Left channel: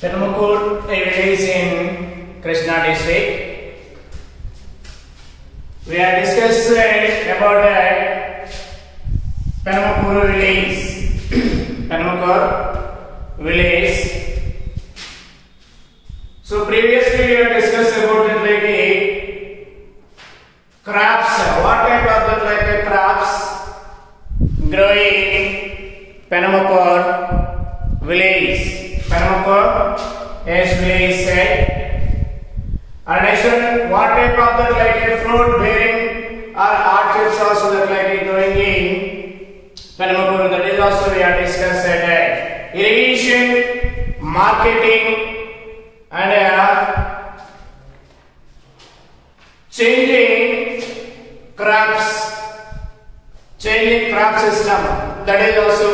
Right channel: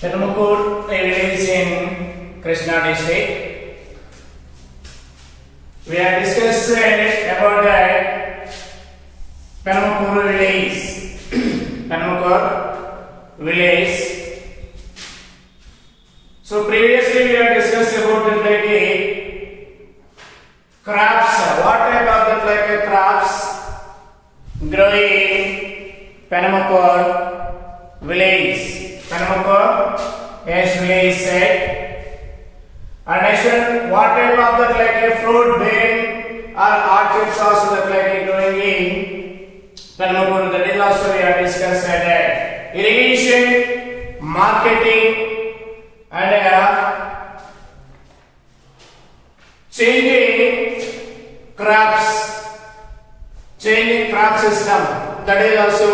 Penamukuru is in Krishna district. We are discussing about the Penamukuru village. Penamukuru village. So previously we have discussed about the crops. What type of the crops growing Penamukuru village? Penamukuru village said. And I said what type of the fruit bearing or orchards also growing in Penamukuru. That is also we have discussed that irrigation, marketing, and changing crop system. That is also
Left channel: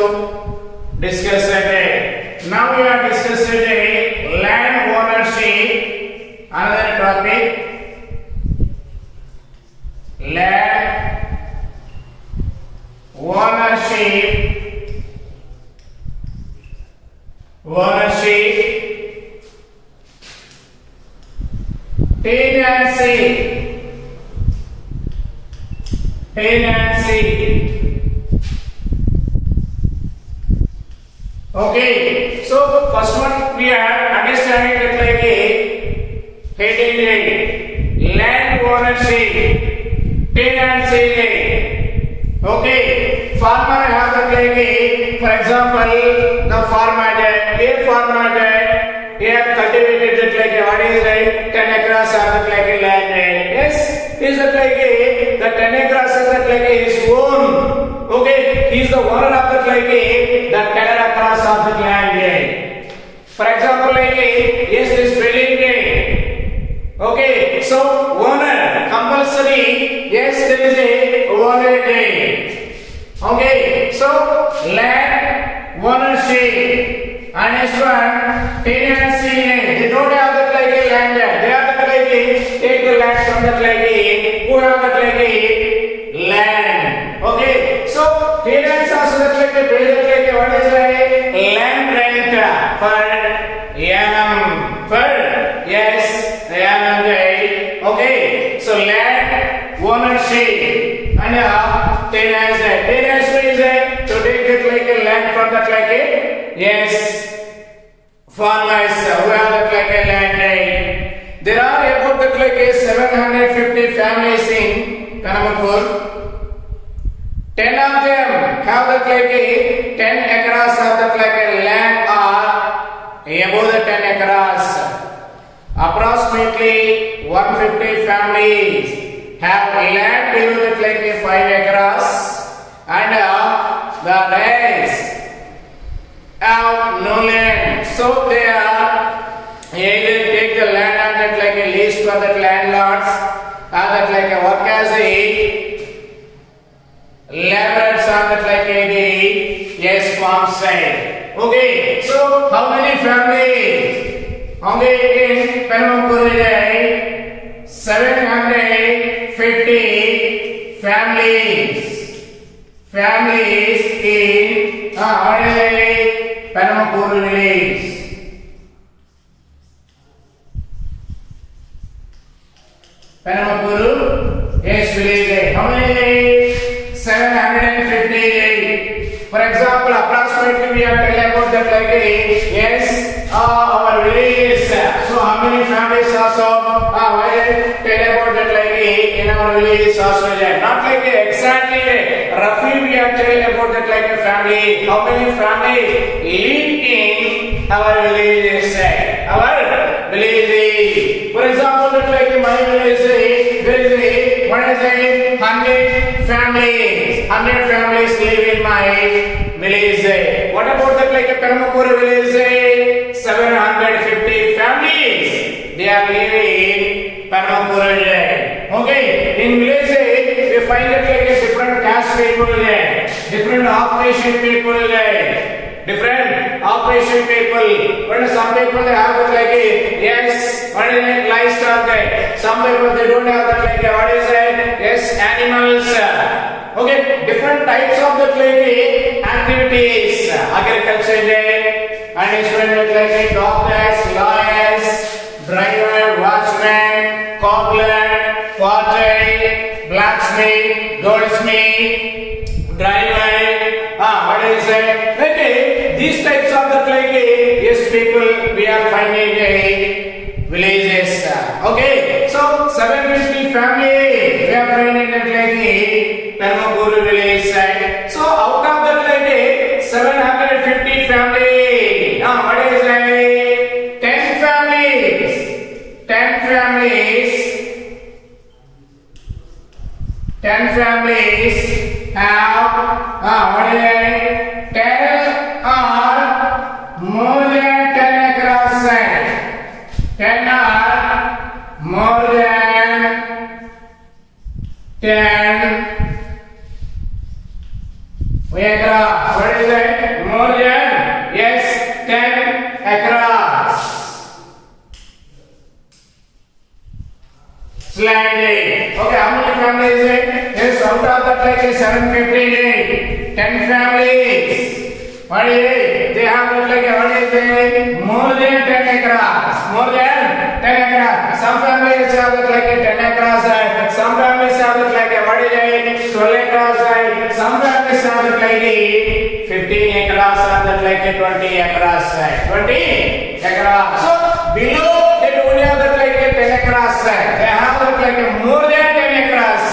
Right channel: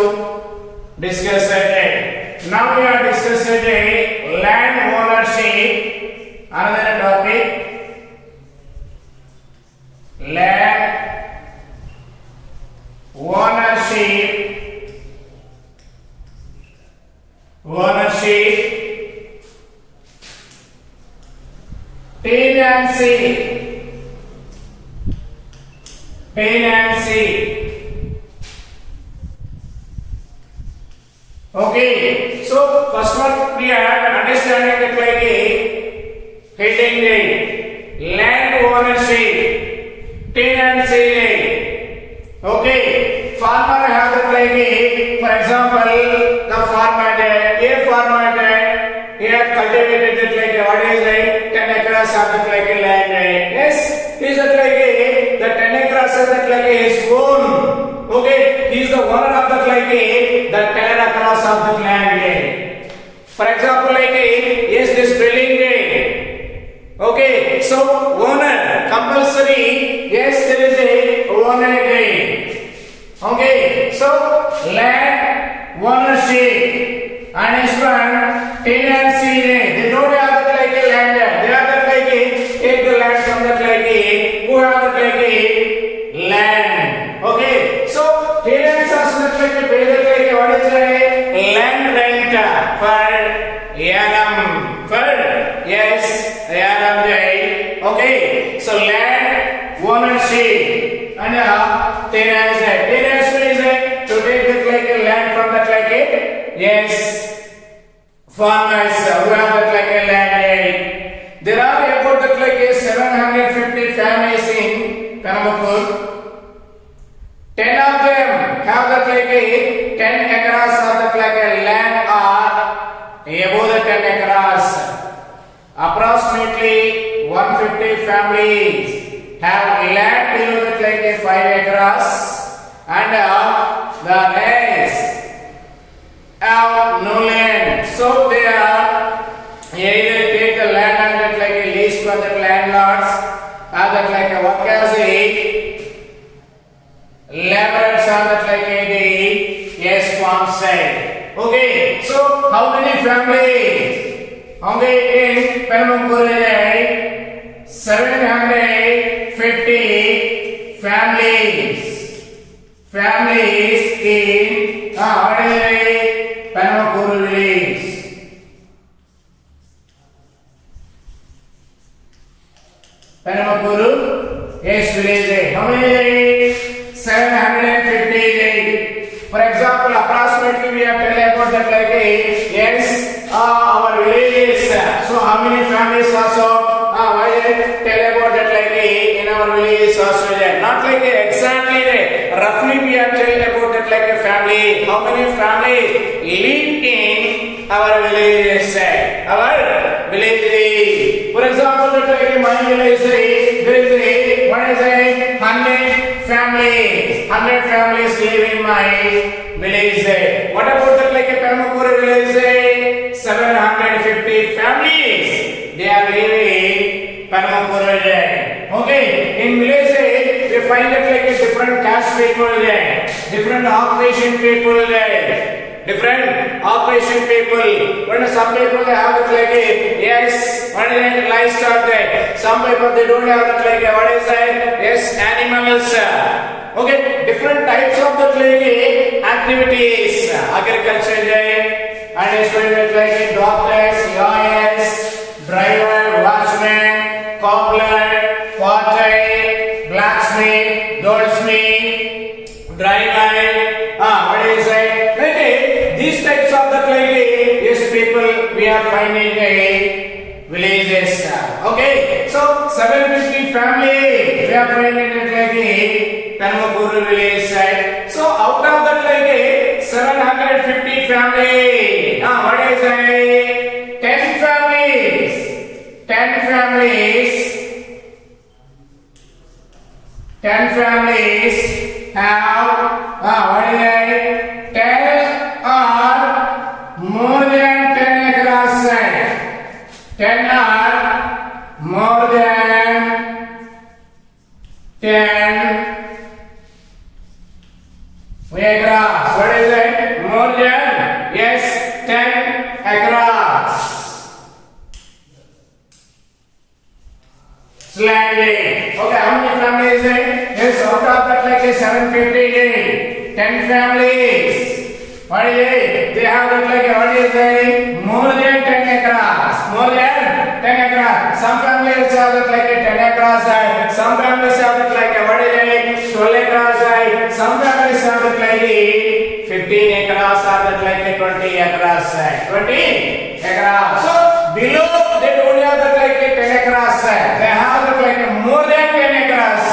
discussed that. Now we are discussing land ownership. Another topic. Land ownership, tenancy. Okay, so first one we are understanding it like a heading land ownership, tenancy. Okay, farmer have the like for example, the farmer A farmer he have cultivated it like what is 10 acres of the like land. Yes, is it like the 10 acres of the like his own. Okay, he is the owner of the like the 10 acres of the land. For example, like yes, this building. Okay, so owner compulsory. Yes, there is a owner. Okay, so land ownership and next one tenancy. They don't have the like land. They have the like take the land from the like who have the like land. Okay, so tenants also like what is a land rent for annum for yes annum. Okay, so land ownership and tenancy is to take the like land from that like yes farmers who have that like land. There are about that like 750 families in Penamukuru. 10 of them have that like 10 acres of that like land or above the 10 acres. Approximately 150 families have land below that like 5 acres and the rest have no land. So they are either take the land and that like a lease for that landlords or that like work as a laborers on that like the yes farm side. Okay, so how many families? Okay, in Penamukuru 750 families in Penamukuru village. Penamukuru yes village. How many? 758. For example, approximately we have tell about that like yes our village. So how many families also tell about that like in our village also there. Not like exactly roughly we have tell about that like a family. How many families live in our village? Our village. For example, that like my village there is a what is a 100 families. 100 families live in my village. What about that like a Penamukuru village? 750 families. They are living in Penamukuru. Okay, in village they find it like a different caste people, different occupation people, different occupation people. But some people they have it like a yes, what is it livestock? Some people they don't have it like a what is it? Yes, animals. Okay, different types of the activities, agriculture and student like doctors, lawyers, driver, watchman, cobbler, potter, blacksmith, goldsmith, driver. What is it? Like these types of the like yes people we are finding villages. Okay, so 750 family we are finding it like Tanmapuru village side. So out of that like 750 family. What is it? 10 families. 10 families. 10 families have what is it? 10 or more than 10 across side. 10 or more than 10 across. What is it? More than? Yes, 10 across. Slightly. Okay, how many families is it? Yes, out of that like 750. 10 families. What is it? They have it like what is it? More than 10 across. More than 10 across. Some families have it like 10 across. Some families have it like what is it? 12 across. Some families have it like 15 across or that like 20 across. 20 across. So below they don't have that like 10 across. They have it like more than 10 across.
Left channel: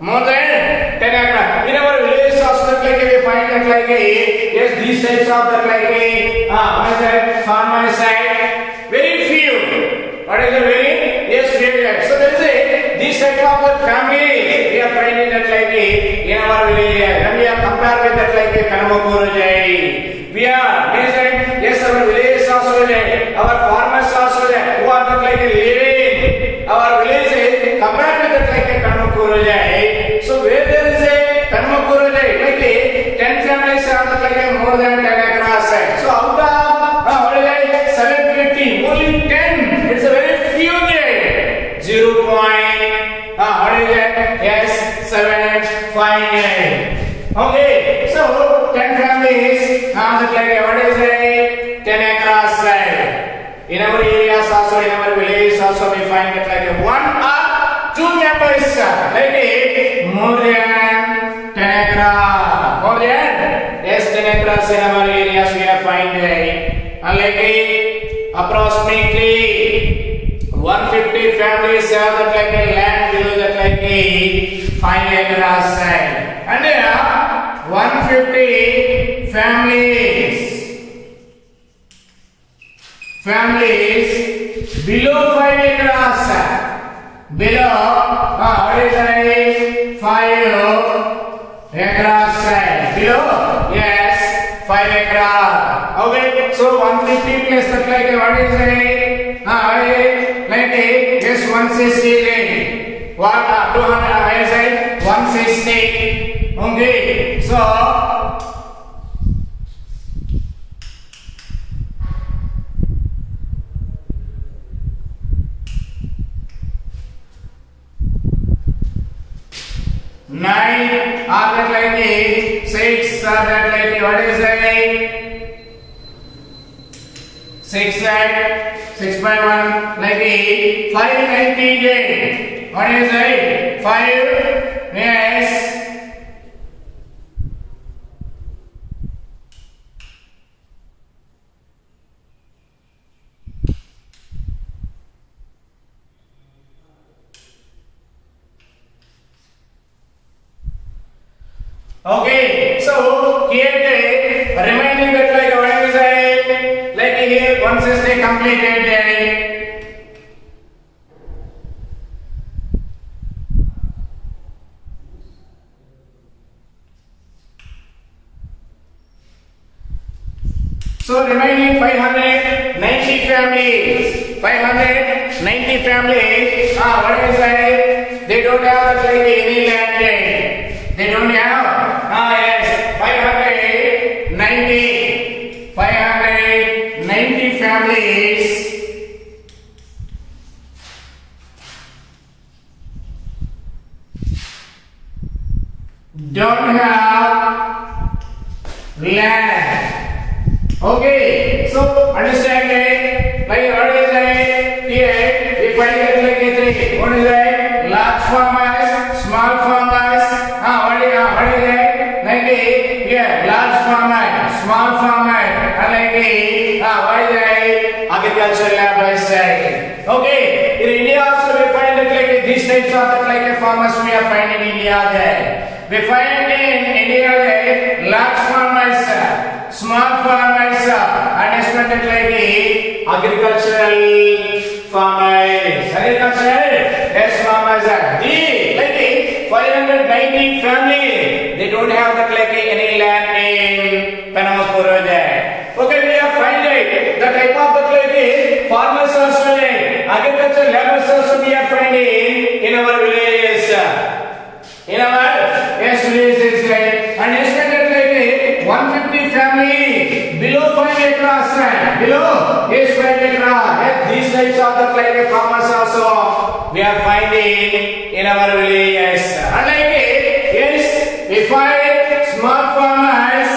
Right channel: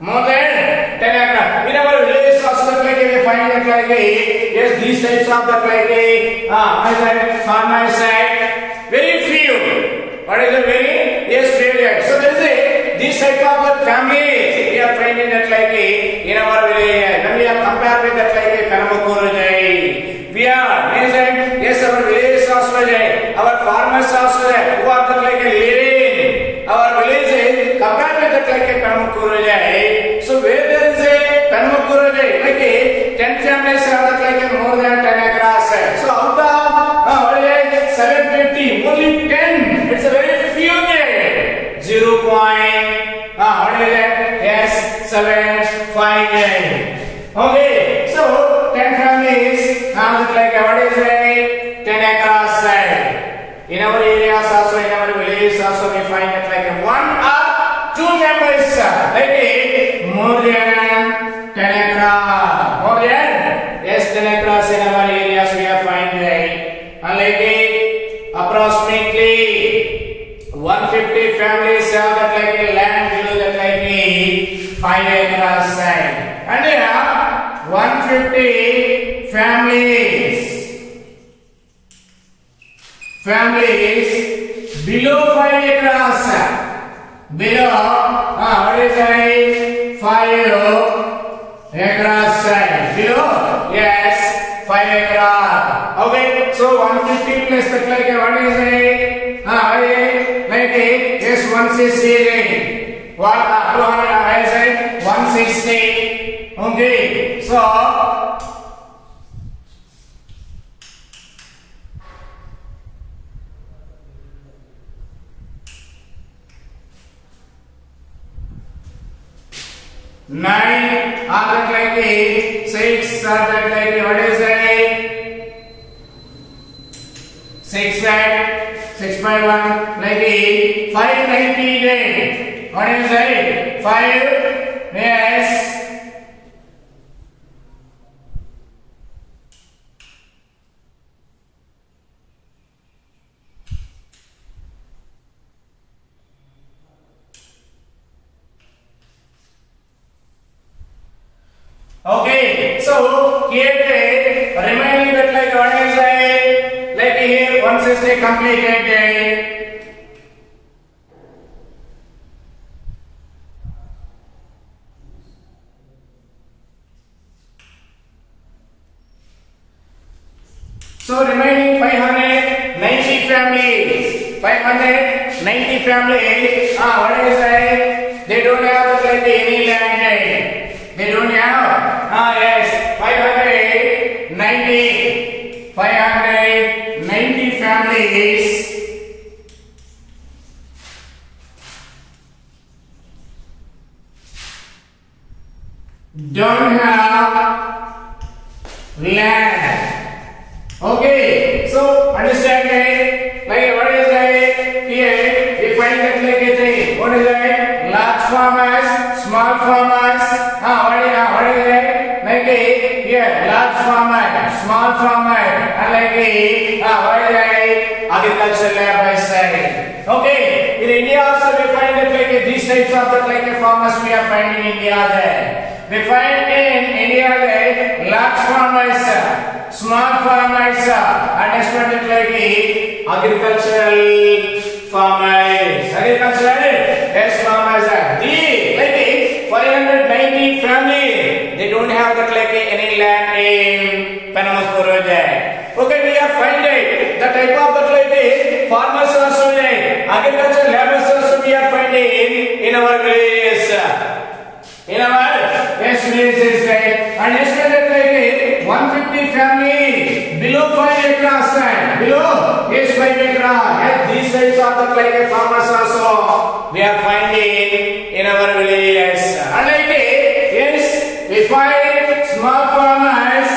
More than 10 across. In our village also like we find it like yes these types of that like farmer side very few. What is it? Very yes few. So there is a this type of families we are finding that like in our village. When we are compared with that like Tanmapuru jai, we are means yes our village also jai, our farmers also jai, who are that like living our village is compared with that like Tanmapuru jai. So where there is a Tanmapuru jai like 10 families are that like more than 10 across. So out of what is it? 750 only 10. It's a very few there. 0. What is it? Yes, 758. Okay, so 10 families have it like what is it? 10 across side. In our areas also, in our villages also, we find it like 1 or 2 members like more than 10 across. More than yes 10 across in our areas we are finding. And like approximately 150 families have that like land below that like 5 acres side. And here 150 families below 5 acres. Below what is it? 5 acres side. Below yes 5 acres. Okay, so 150 plus that like what is it? Like yes 160. What 200 is it? 160. Okay, so nine are that like 6 are that like what is it? 6 and 6 by 1 like 590. What is it? 5 yes. Okay, so here the remaining bit like what is it? Like here once is they completed. So remaining 590 families. 590 families. What is it? They don't have like any land. They don't have. Yes, 590 families don't have land. Okay, so and yeah, large farmer, small farmer, and agricultural labor is there. Okay, in India also we find that these types of farmers we are finding in India there. We find in India there large farmers, small farmers, and expanded agricultural farmers. Yes, farmers are. The 590 family, they don't have that any land in Penamakuru there. Okay, we are finding the type of that farmers also in agricultural laborers also we are finding in our villages. In our villages there, and expanded 150 family below 5 acres land. Below 5 acres. Yes, these types of the farmers also we are finding in our villages. And yes, we find small farmers,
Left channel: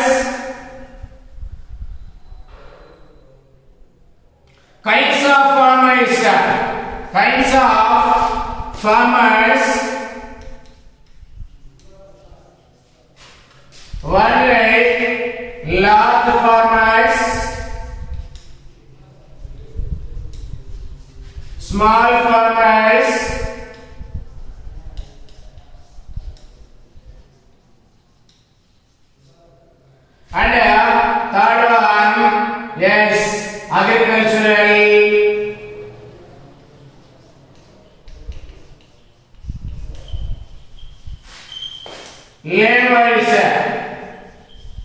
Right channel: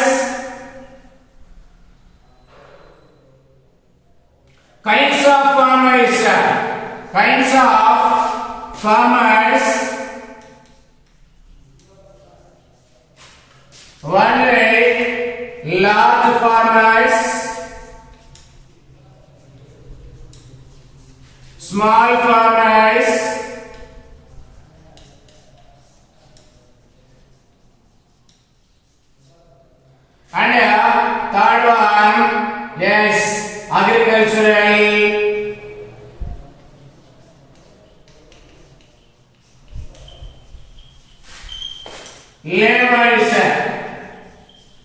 kinds of farmers. One way, large farmers, small farmers, and third one, yes, agricultural laborers.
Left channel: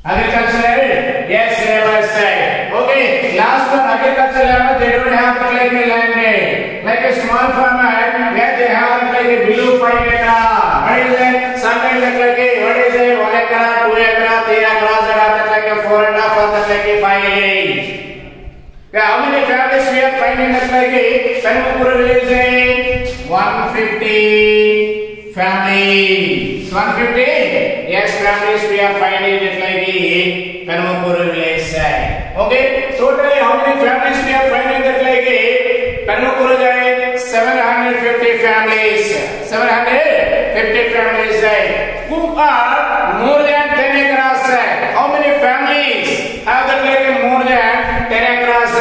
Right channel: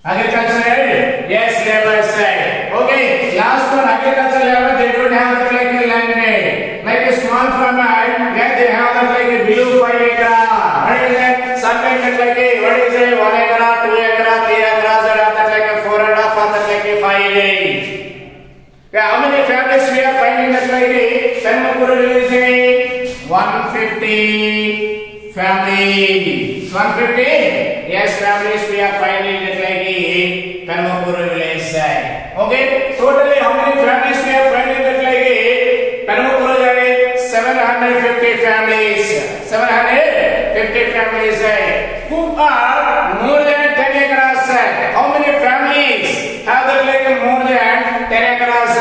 Agricultural, yes, labor side. Okay, last one, agricultural labor, they don't have a land. Like a small farmer, where they have a below 5 acres. What is it? Sometimes what is it? 1 acre, 2 acre, 3 acres, and 4.5, 5 acres. How many families we are finding that Penamakuru village? 150 families. 150? Yes, families we are finding it Penamakuru village. Okay, totally how many families we are finding that Penamakuru village? 750 families. 750 families who are more than 10 acres. How many families have that more than 10 acres?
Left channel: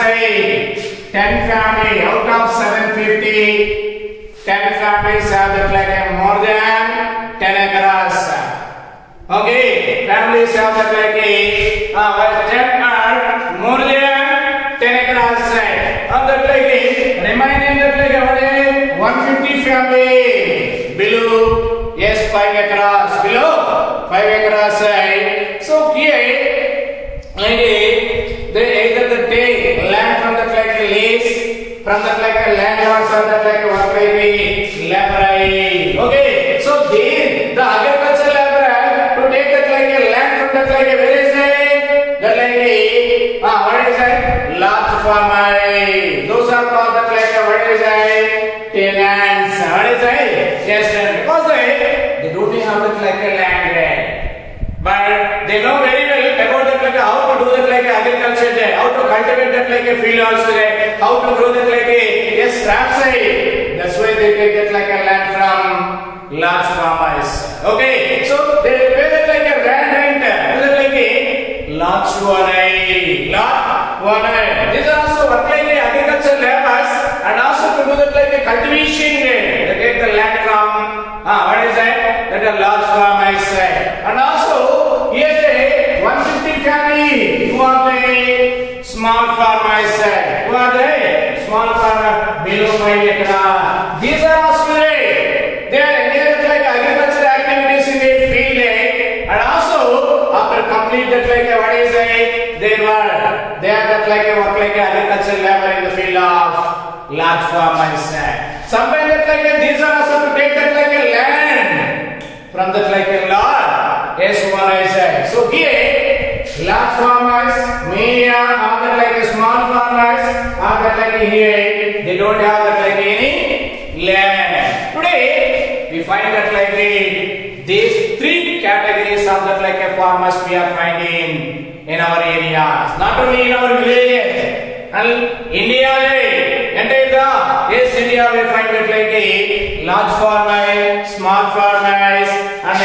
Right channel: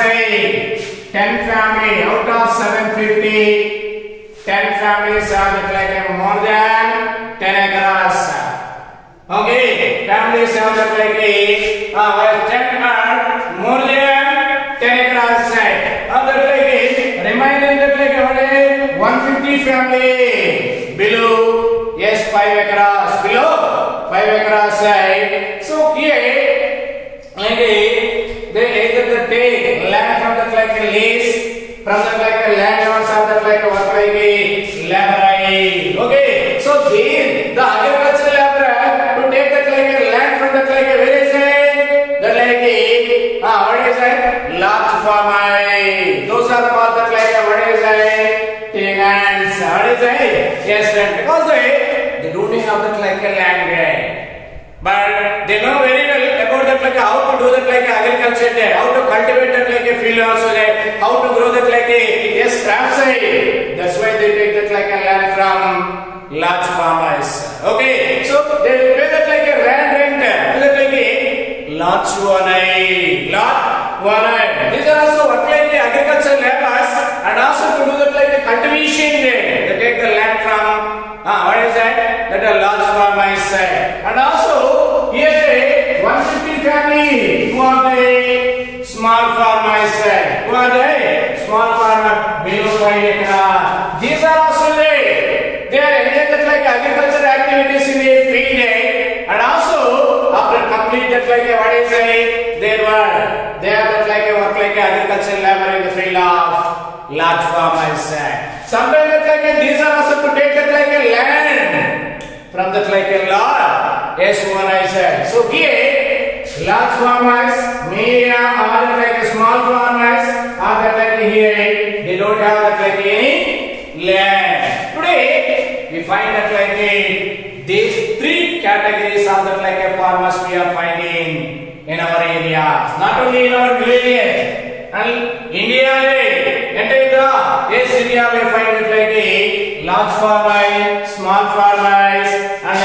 10 families out of 750. 10 families have that more than 10 acres. Okay, families have that 10 are more than 10 acres. Remaining that 150 family below, yes, 5 acres. Below 5 acres. So here, they either take land from the lease, from the landlords and the laborer. Okay, so the agricultural laborer to take that land from the where is it? The what is it? Large farmer. Those are called the what is it? Tenants. What is it? Yes, because they don't have the land, but they know very well about the how to do the agriculture there, how to cultivate the field also there, how to grow the yes, crops. That's why they take that land from large farmers. Okay, so they pay that land rent, large one. These are also work agricultural laborers, and also to do the cultivation. They take the land from what is that? That a large farmers. And also here 150 family who are the small farmers. Who are they? Small farmer below 5 acres. These are also they are engaged agricultural activities in the field, and also after complete that what is it? They are that work agricultural labor in the field of large farmers. Sometimes that these are also to take that land from that lot. Yes, one I said. So here large farmers may are that small farmers are that here they don't have that any land. Today we find that these three categories of that farmers we are finding in our areas, not only in our villages, and India, yes, India we find it large farmers, small farmers, and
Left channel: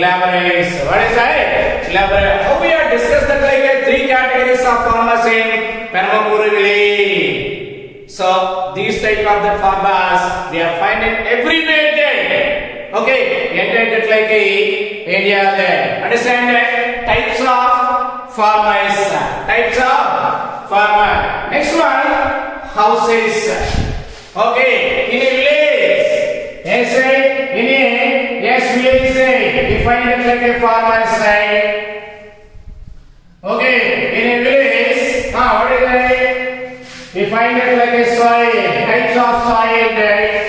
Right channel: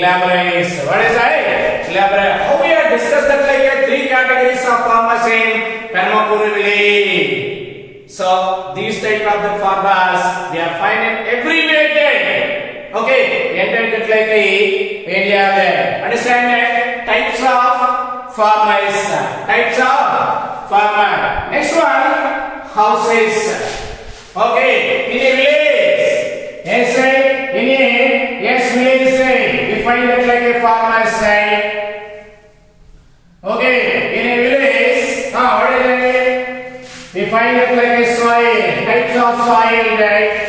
laborers. What is that? elaborate. How we have discussed that like three categories of farmers in Penmakuru village. So these type of the farmers we are finding every day. Okay, entered that like India there. Understand that types of farmers. Types of farmer. Next one, houses. Okay, in a village. Yes, in a village. Define it like a farmer's side. Okay, in a village, what is it? Define it like a soil, types of soil, right?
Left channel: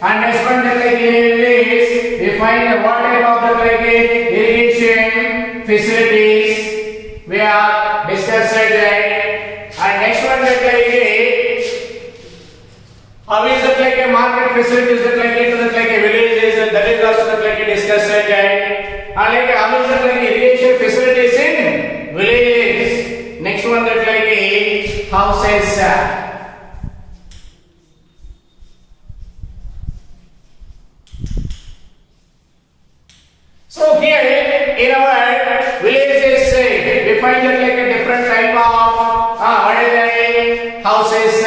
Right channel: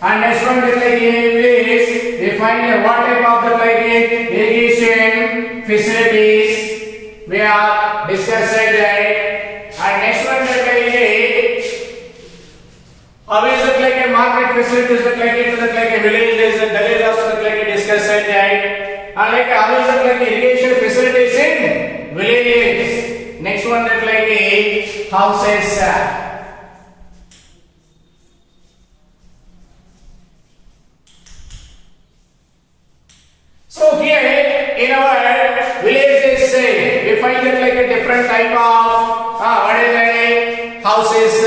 And next one is like in a village, define what type of the like irrigation facilities we are discussing, right? And next one is like how is it like a market facilities that like it is like a villages and that is also like a discussion, right? And like how is it like irrigation facilities in villages. Next one that like a houses. So here in our villages we find that like a different type of what is it? Houses.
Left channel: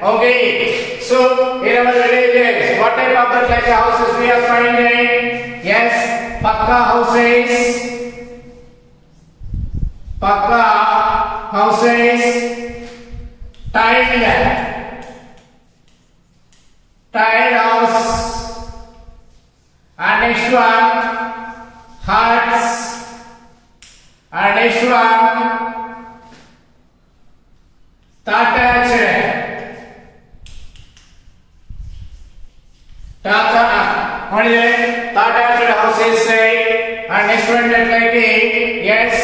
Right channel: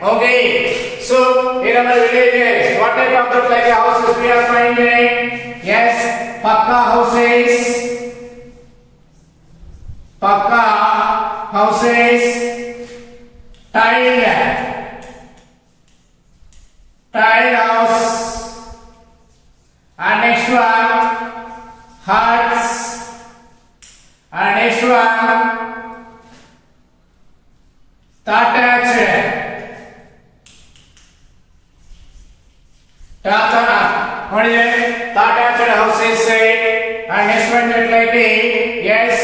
Okay, so in our villages, what type of that like houses we are finding? Yes, pakka houses, tiled house, and next one huts, and next one thatched. What is it? Thatched houses, and next one that like yes.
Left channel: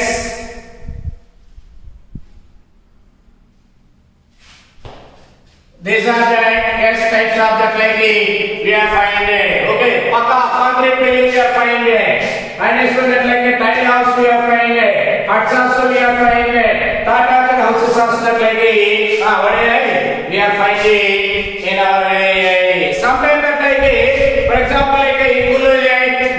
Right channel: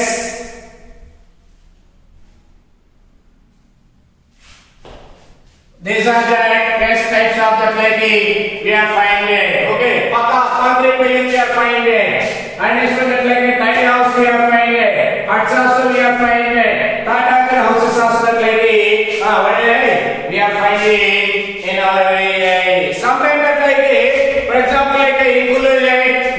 These are the yes types of the like we are finding. Okay, pakka concrete buildings we are finding. And next one that like tile house we are finding. Huts also we are finding. Thatched houses also that like what is it? We are finding in our village. Sometimes that like for example like in Kullu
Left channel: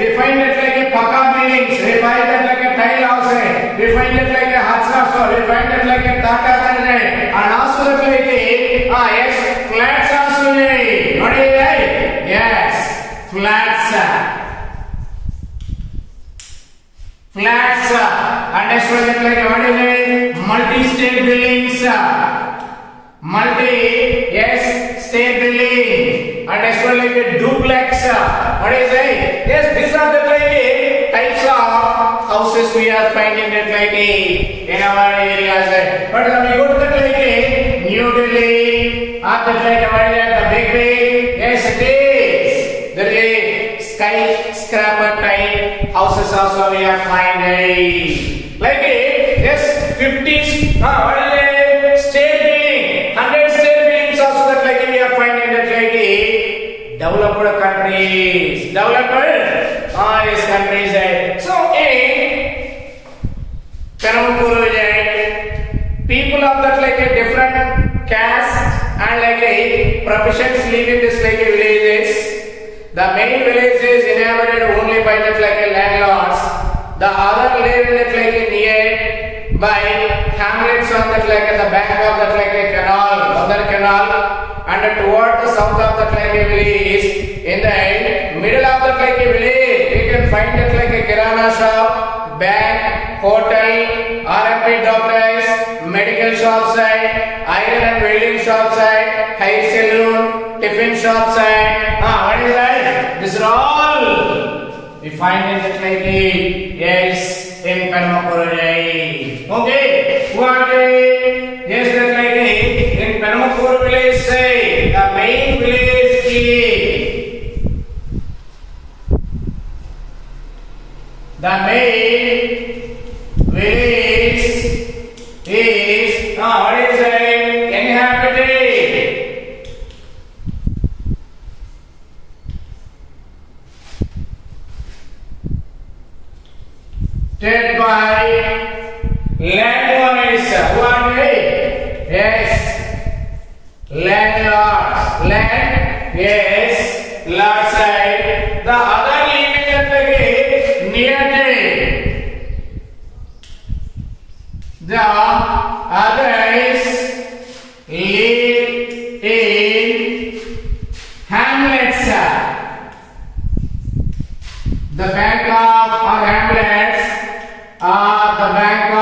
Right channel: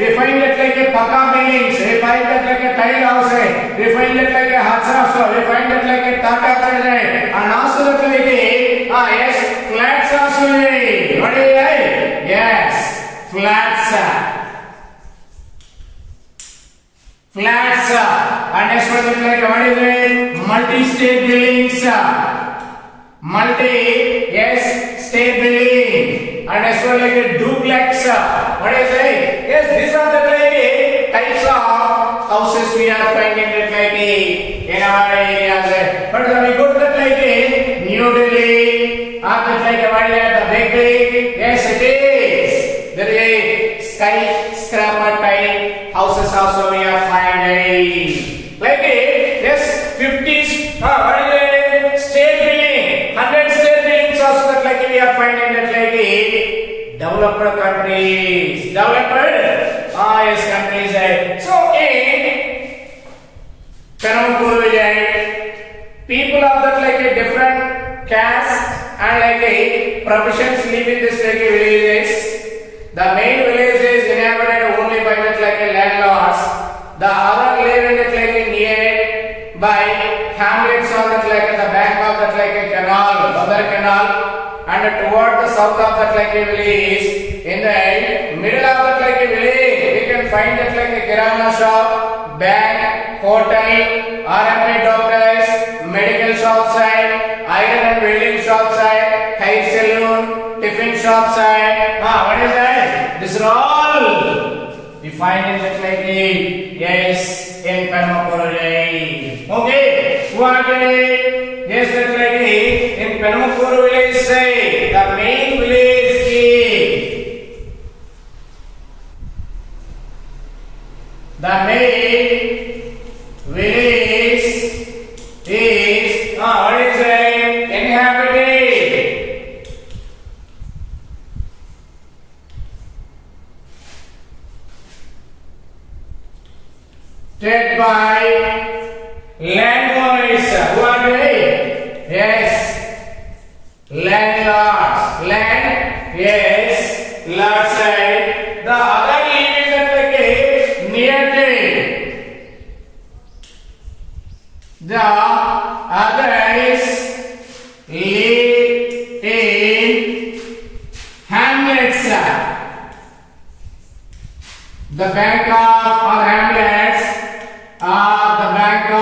we find that like pakka buildings. We find that like a tile house. We find that like a huts also. We find that like a thatched and also that like yes, flats also. What is it? Yes, flats. And next one is like what is it? Multi-state buildings. Yes, state building. And next one like a duplex. What is it? Yes, these are the like types of houses we are finding that like in our areas. But when we go to that like New Delhi, that like what is the big yes it is. There is skyscraper type houses also we are finding. Like yes, 50s. What is it? State building, 100 state buildings also that like we are finding that like developed countries. Yes, countries. So in Penmakuru, people of that like a different caste and like a professions live in this like a villages. The main village is inhabited only by that like a landlords. The other live in that like a nearby hamlets on that like the bank of that like a canal, other canal, and toward the south of that like a village. In the middle of that like a village, we can find that like a kirana shop, bank, hotel, R&D doctors, medical shops, iron and welding shops, hair salon, tiffin shops. What is that? These are all we find in that like yes in Penmakuru. Okay, what yes that like in Penmakuru village the main village is the main village is what is it? Inhabited. By landowners. Who are they? Yes, landlords. Land, yes, lord side. The other living at the near The others live in hamlets. The bank of or hamlets are the bank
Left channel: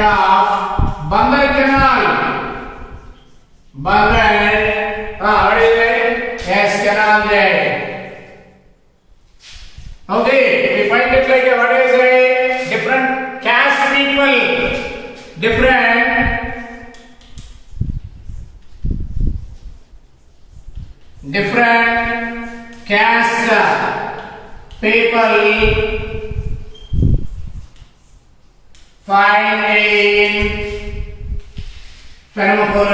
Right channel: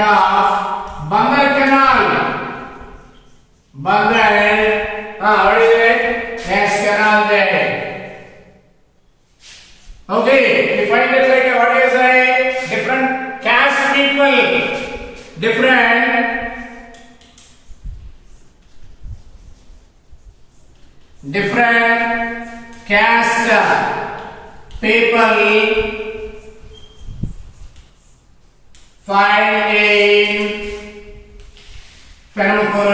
of Bangal Canal. Bangal, what is it? Yes, canal there. Okay, we find it like what is a different caste people, different caste people find in Perambur.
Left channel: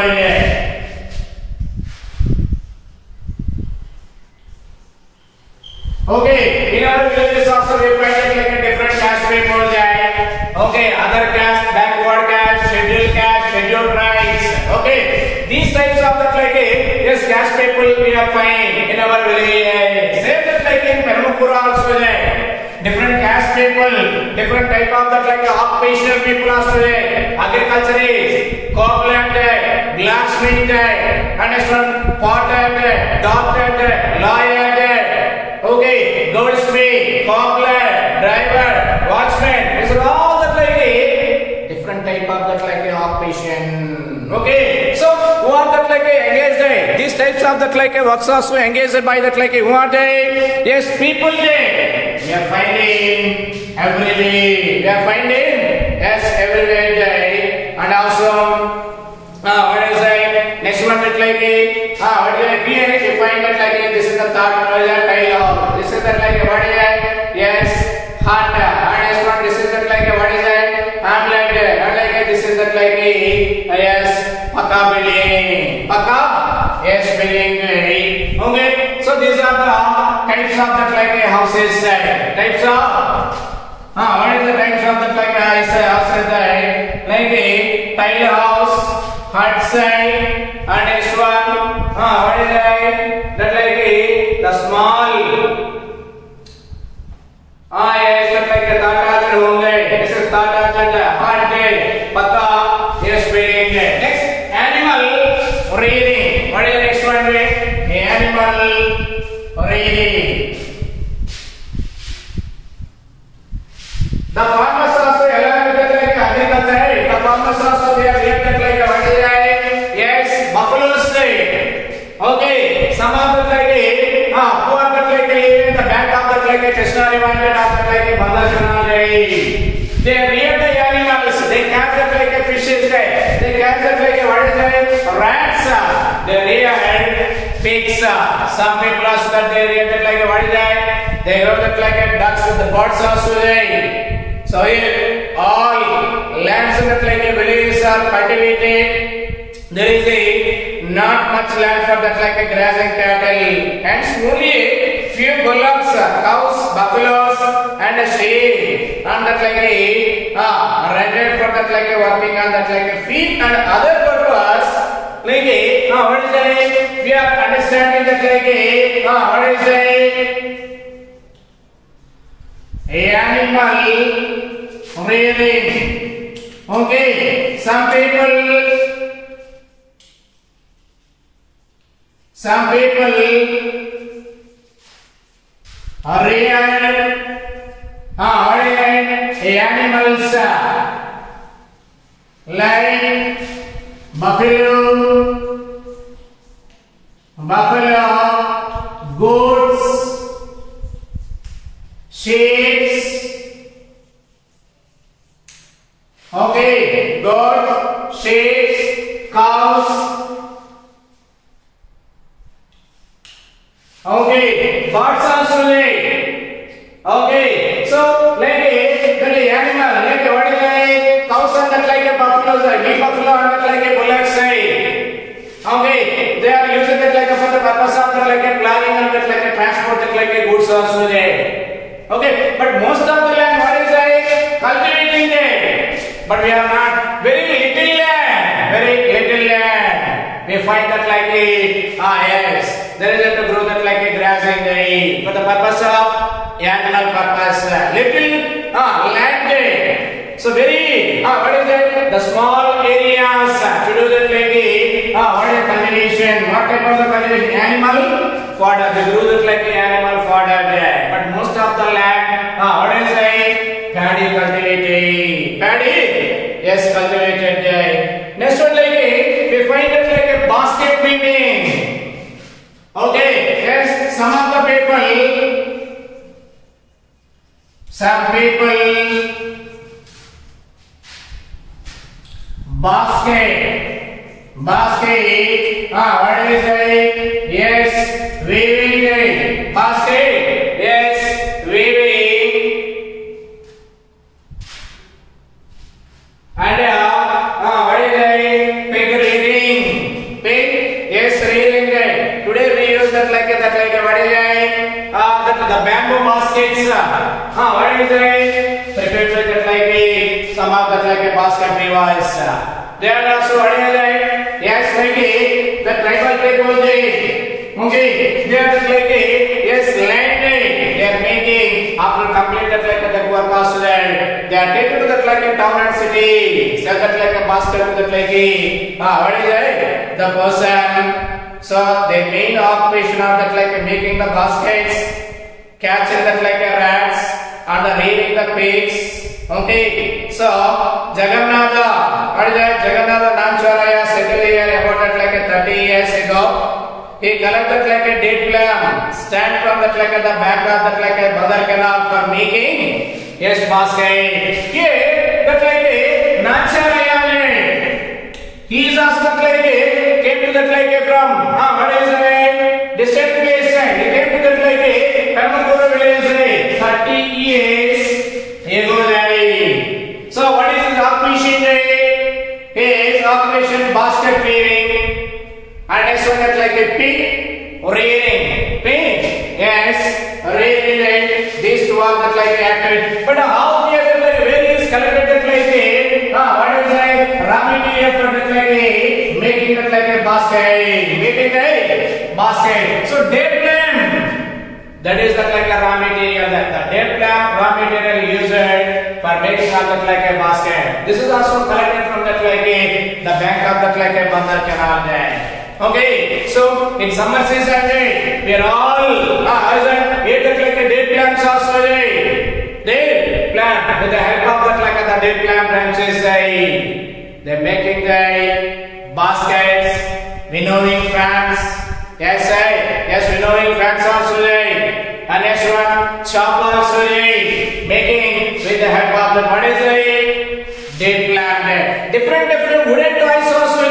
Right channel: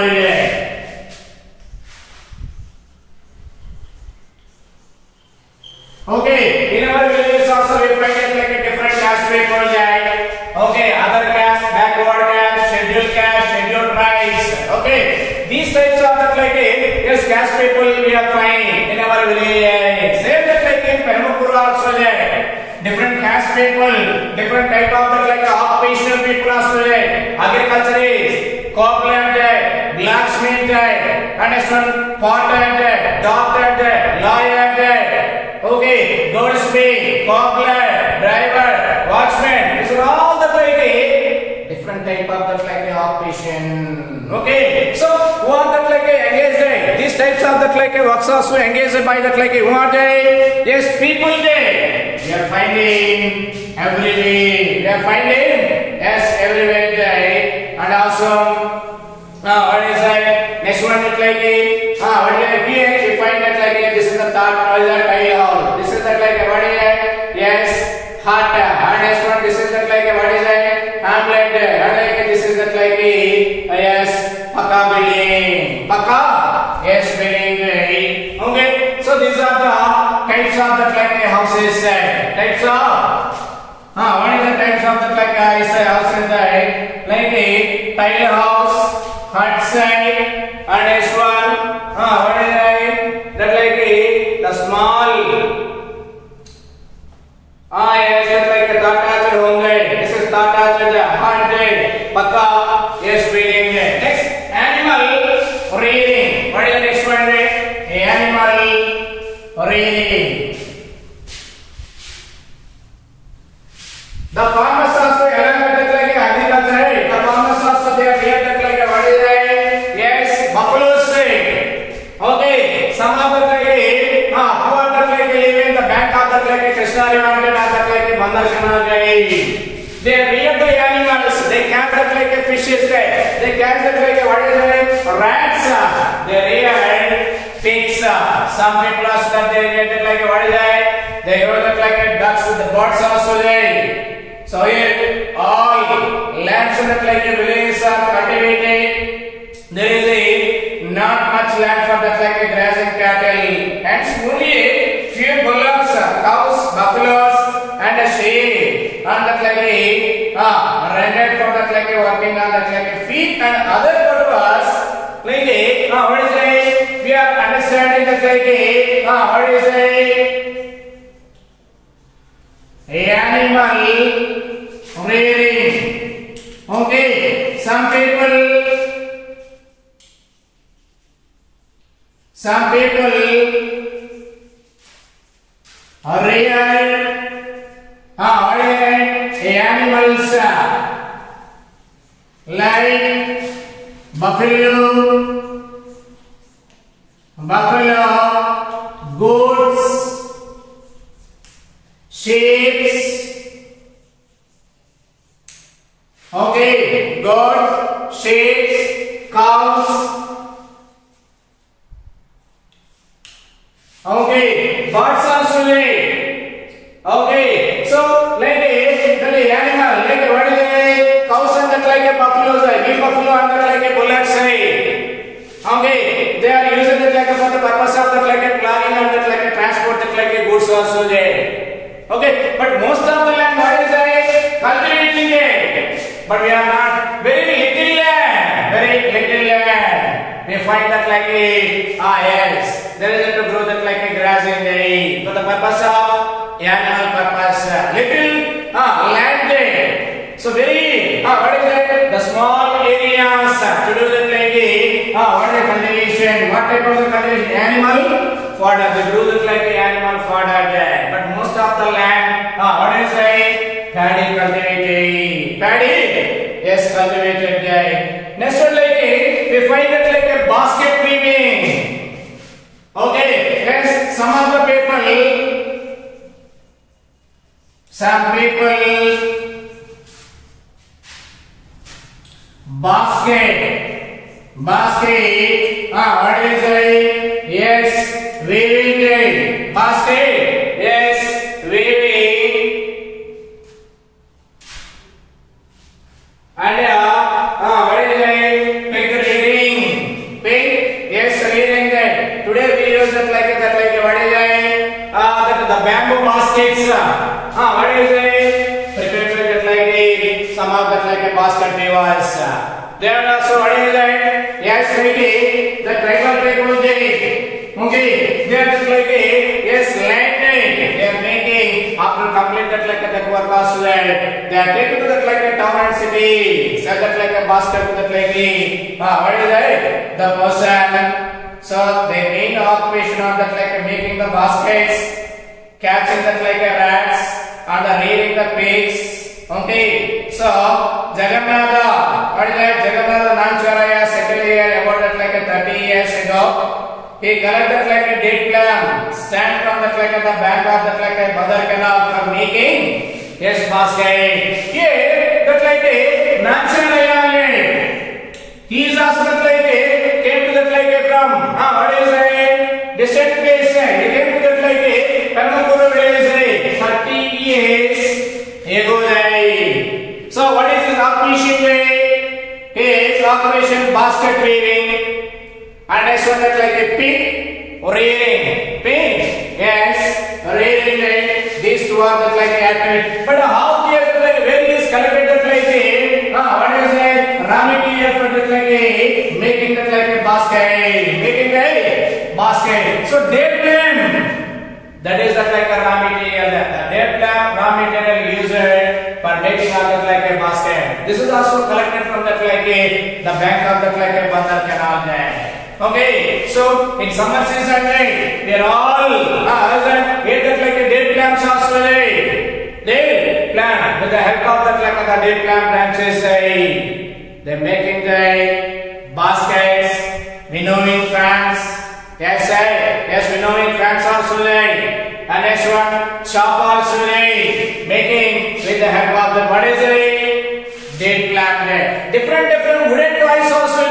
Okay, in our villages also we find it like a different caste people there. Okay, other caste, backward caste, scheduled tribes. Okay, these types of that like yes caste people we are find in our villages. Same that like in Perambur also there. Different caste people, different type of that like occupational people also there. Agriculture is, cobbler there, blacksmith there, and potter there, doctor there, lawyer there. Okay, goldsmith, cobbler, driver, watchman. These are all the like different type of that like occupation. Okay, so who are that like engaged? These types of that like works also engaged by that like who are they? Yes, people there. We are finding everywhere. We are finding yes everywhere there, and also what is that? Next one that like what is that? Here we find that like this is the third tile. This is that like what is that? Yes, hut. And next one this is that like what is that? Hamlet. And like this is that like yes, Paka building. Paka yes building. Okay, so these are the types of that like houses. Types of what is the types of that like houses? Like a tile house, hut side, and next one what is that like the small yes that like a Tata home. This is Tata hut day. Paka yes building. Next animal reading. What is the next one? Animal reading. The farmers also along with like agriculture. The farmers also they are here like what is that? Yes, buffaloes. Okay, some of the like who are the like living in the bank of the like Krishna River and of the like Bangal Canal. They rear the animals. They catch the like fishes. They catch the like what is that? Rats. They rear pigs. Some people also that they rear like what is that? They grow that like ducks. The birds also there. So here all lands in the like villages are cultivated. There is a not much land for that like grass and cattle. Hence only few bullocks, cows, buffaloes, and sheep. And that like rented for that like working on that like feed and other purpose. Like what is it? We are understanding that like what is it? Animal rearing. Okay, some people rear animals like buffalo, goats, sheep. Okay, goats, sheep, cows. Okay, birds also there. Okay, so like the animal, like what is a cows and that like a buffalo, big buffalo and that like a bullocks. Okay, they are using it like for the purpose of that like a ploughing and that like a transport that like a goods also there. Okay, but most of the land what is a cultivating there. But we are not very little land. We find that like a yes, there is to grow that like a grass in there for the purpose of animal purpose. Little land what is it? The small areas to do that like what is cultivation? What type of the cultivation? Animal fodder. They do that like animal fodder there. But most of the land, what is it? Paddy cultivated. Paddy, yes, cultivated there. Next one like we find it like a basket weaving. Okay, yes, some people basket, what is it? Yes, weaving, basket, yes, weaving, and what is it? Pig reading, yes, reading. Today we use that like what is it? The bamboo baskets. What is it? Prepared with that like some of that like a basket weavers. There are also what is it? Yes, like the tribal people okay, they are like yes, landing. They are making after complete that like the work also there. They are taken to that like a town and city. Sell that like a basket to that like what is it? The person. So they main occupation of that like making the baskets, catching that like a rats, and rearing the pigs. Okay, so Jagannatha, what is that? Jagannatha Namacharya settled here about that like a 30 years ago. He collected like a date plan, stand from that like the bank of that like a Badar canal for making yes basket. Here that like a Namacharya, he is also that like a came to that like a from what is it? Distant place. He came to that like a Permakura village 30 years ago. So what is his occupation? His occupation basket weaving, and next one that like a pig rearing. Pig, yes, rearing. These two are that like active. But how he has like where he is collected that like what is it? Raw material for that like making that like a basket, making a basket. So their plan, that is that like a raw material. Their plan raw material used for making all that like a basket. This is also collected from that like the bank of that like a Bandar canal there. Okay, so in summer season we are all that like a date plants also they plant with the help of that like the date plant branches they making the baskets, winnowing fans. Yes, winnowing fans also and next one choppers making with the help of the what is it? Date plant. Different wooden toys also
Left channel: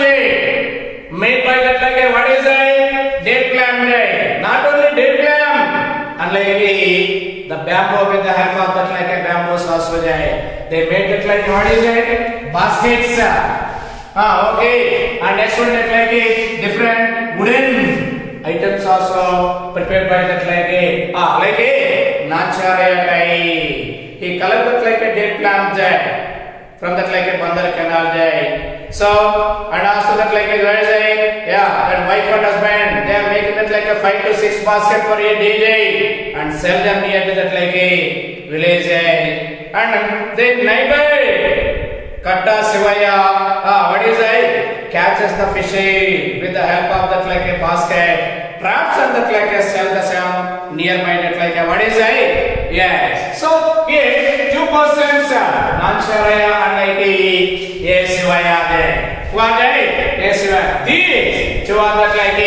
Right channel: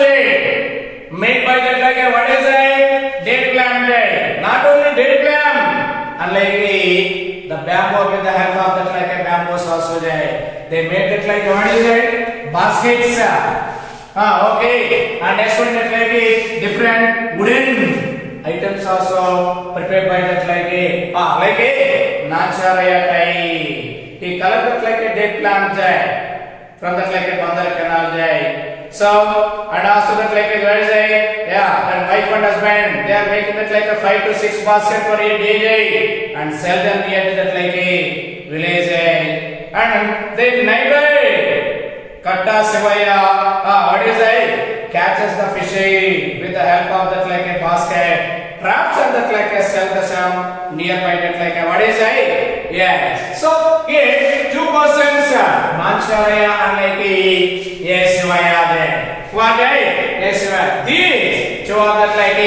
made by that like what is it? Date plant. Not only date plant, unlike the bamboo with the help of that like a bamboos also they made it like what is it? Baskets. Okay, and next one that like different wooden items also prepared by that like a Namacharya type. He collected like a date plant there from that like a Bandar canal there. So and also that like what is it? That wife and husband they are making that like a 5 to 6 basket for a day and sell them near to that like a village and then neighbor Katta Sivaya, what is it? Catches the fish with the help of that like a basket, traps and that like a sell the same nearby that like a what is it? Yes. So here 2 persons, Namacharya and like a Sivaya there. What is it? These 2 are that like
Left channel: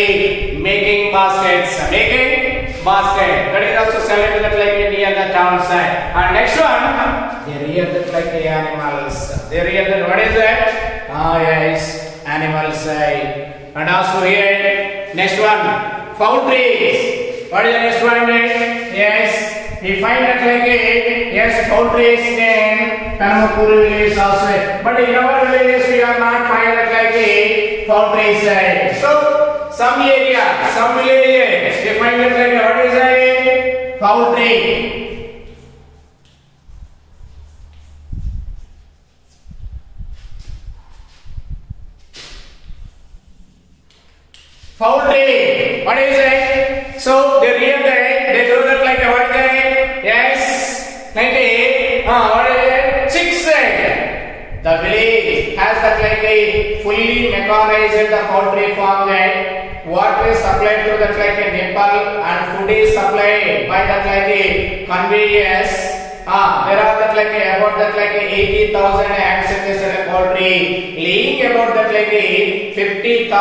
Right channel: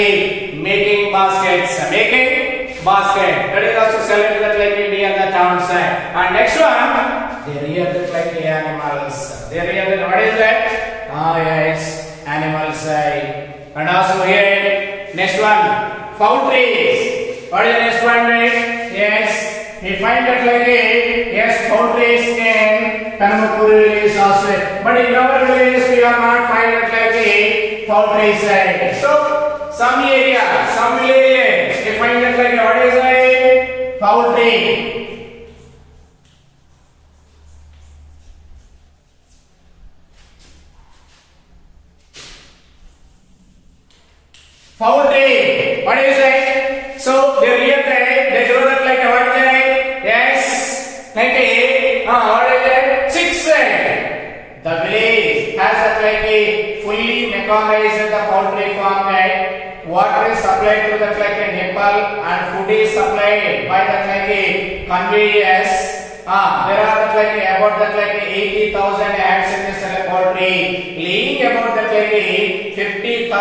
making baskets, making basket. That is also selling that like near the town side. And next one. They rear that like the animals. They rear that what is that? Yes, animals. And also here, next one, poultry. What is the next one? Yes, we find that like yes, poultry in Permakura village also. But in our villages we are not find that like poultry. So some area, some villages we find that like what is that? Poultry. Poultry. What is it? So they rear they grow that like what is it? Yes, like what is it? Chicks. The village has that like a fully mechanized the poultry farm like water is supplied to that like a Nepal and food is supplied by that like a conveyors. There are that like about that like 80,000 eggs in this poultry, laying about that like 50,000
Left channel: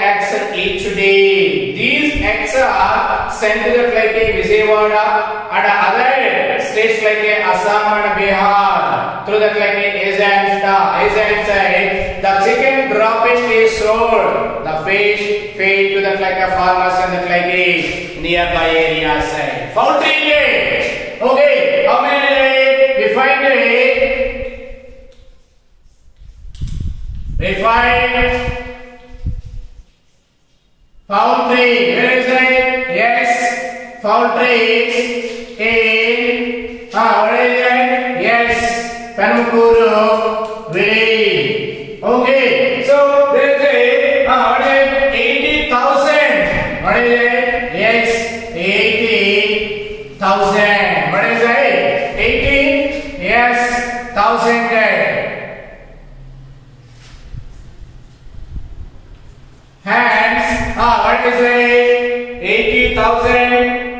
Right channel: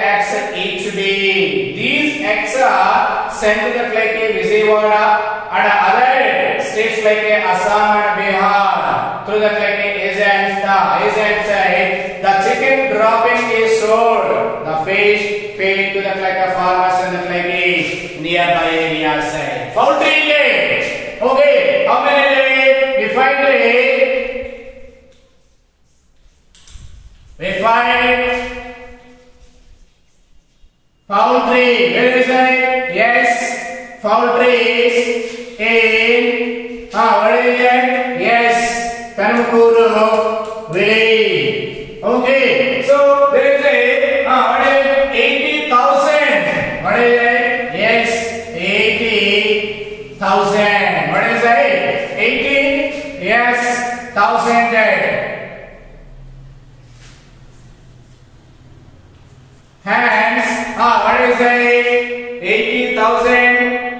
eggs each day. These eggs are sent to that like Vijayawada and other states like Assam and Bihar through that like agents. The agents say the chicken dropping is sold, the fish fed to that like farmers and that like nearby areas. Poultry lay. Okay, how many lay? We find it. We find poultry. Where is it? Yes, poultry is in. What is it? Yes, Panukuru village. Okay, so there is a what is 80,000. What is it? Yes, 80,000. What is it? 80? Yes, 1,000. Hands. What is it? 80,000.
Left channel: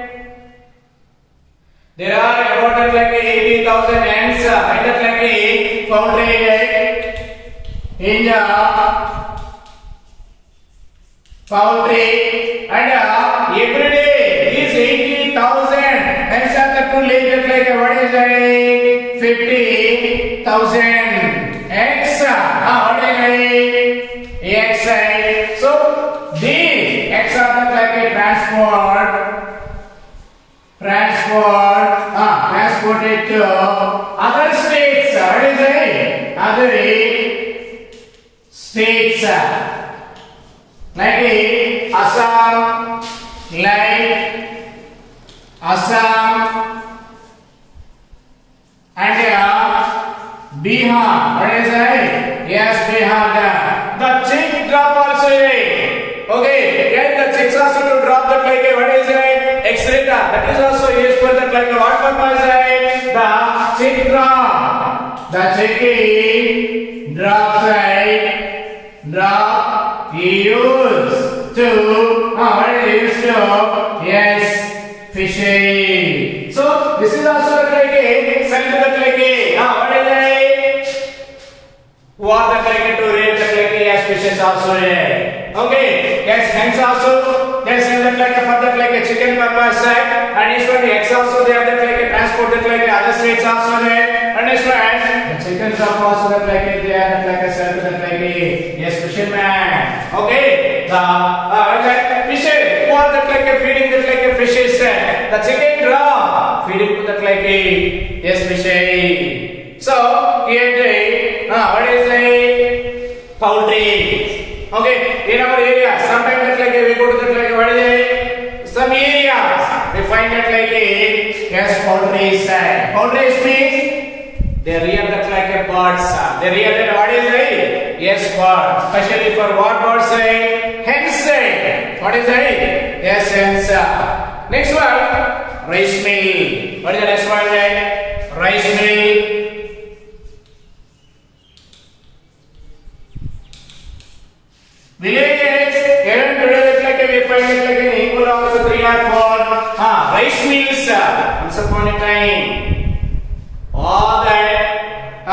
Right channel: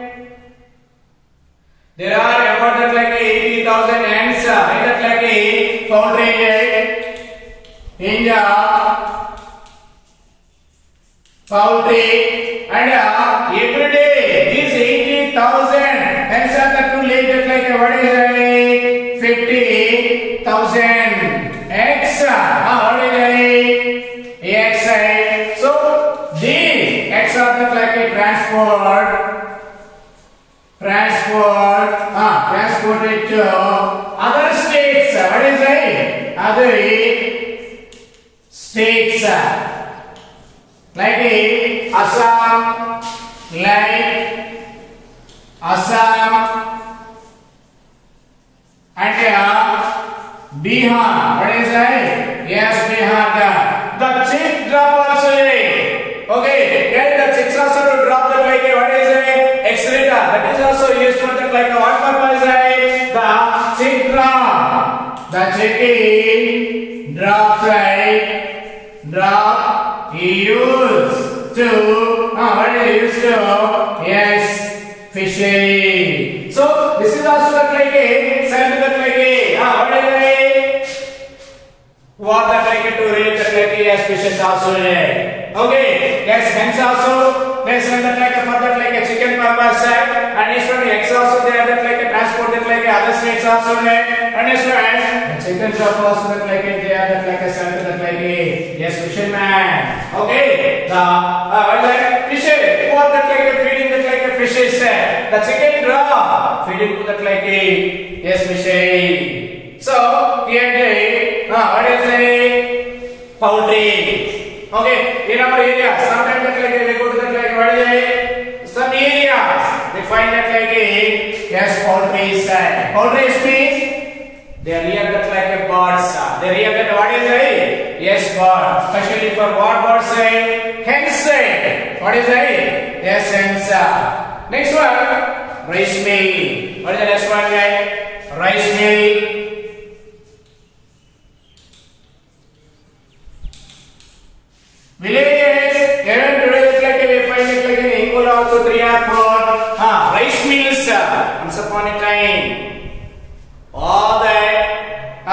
There are about like 80,000 hands in that like poultry and every day these 80,000 hens are to lay that like what is it? 50,000 eggs. What is it? Eggs. So these eggs are that like a transported to other states. What is it? Other states like Assam, and Bihar. What is it? Yes, Bihar. The chick drop also. Okay, yeah, the chicks also to drop that like what is it? Excreta. That is also used for that like what purpose? The chick drop. The chicken drops drop used to what is used to? Yes, fishery. So this is also like a sent to that like a what is it? Water like to read that like yes, fishes also. Okay, yes, hence also they send that like for that like a chicken purpose and as for the eggs also they are that like a transported like other states also and as for the chicken shop also that like they are that like a sent that like a yes fisherman. Okay, the like fishes for that like a feeding that like a fishes the chicken drop feeding to that like a yes fishes. So here what is the poultry? Okay, in our area, sometimes that like we go to that like what is it? Some areas we find that like a yes poultry side. Poultry means they rear that like a birds. They rear that what is it? Yes, birds. Especially for what birds say? Hens. What is it? Yes, hens. Next one, rice mill. What is the next one? Rice mill. Villages, even today like we find it like an equal also 3 or 4 rice mills once upon a time. All that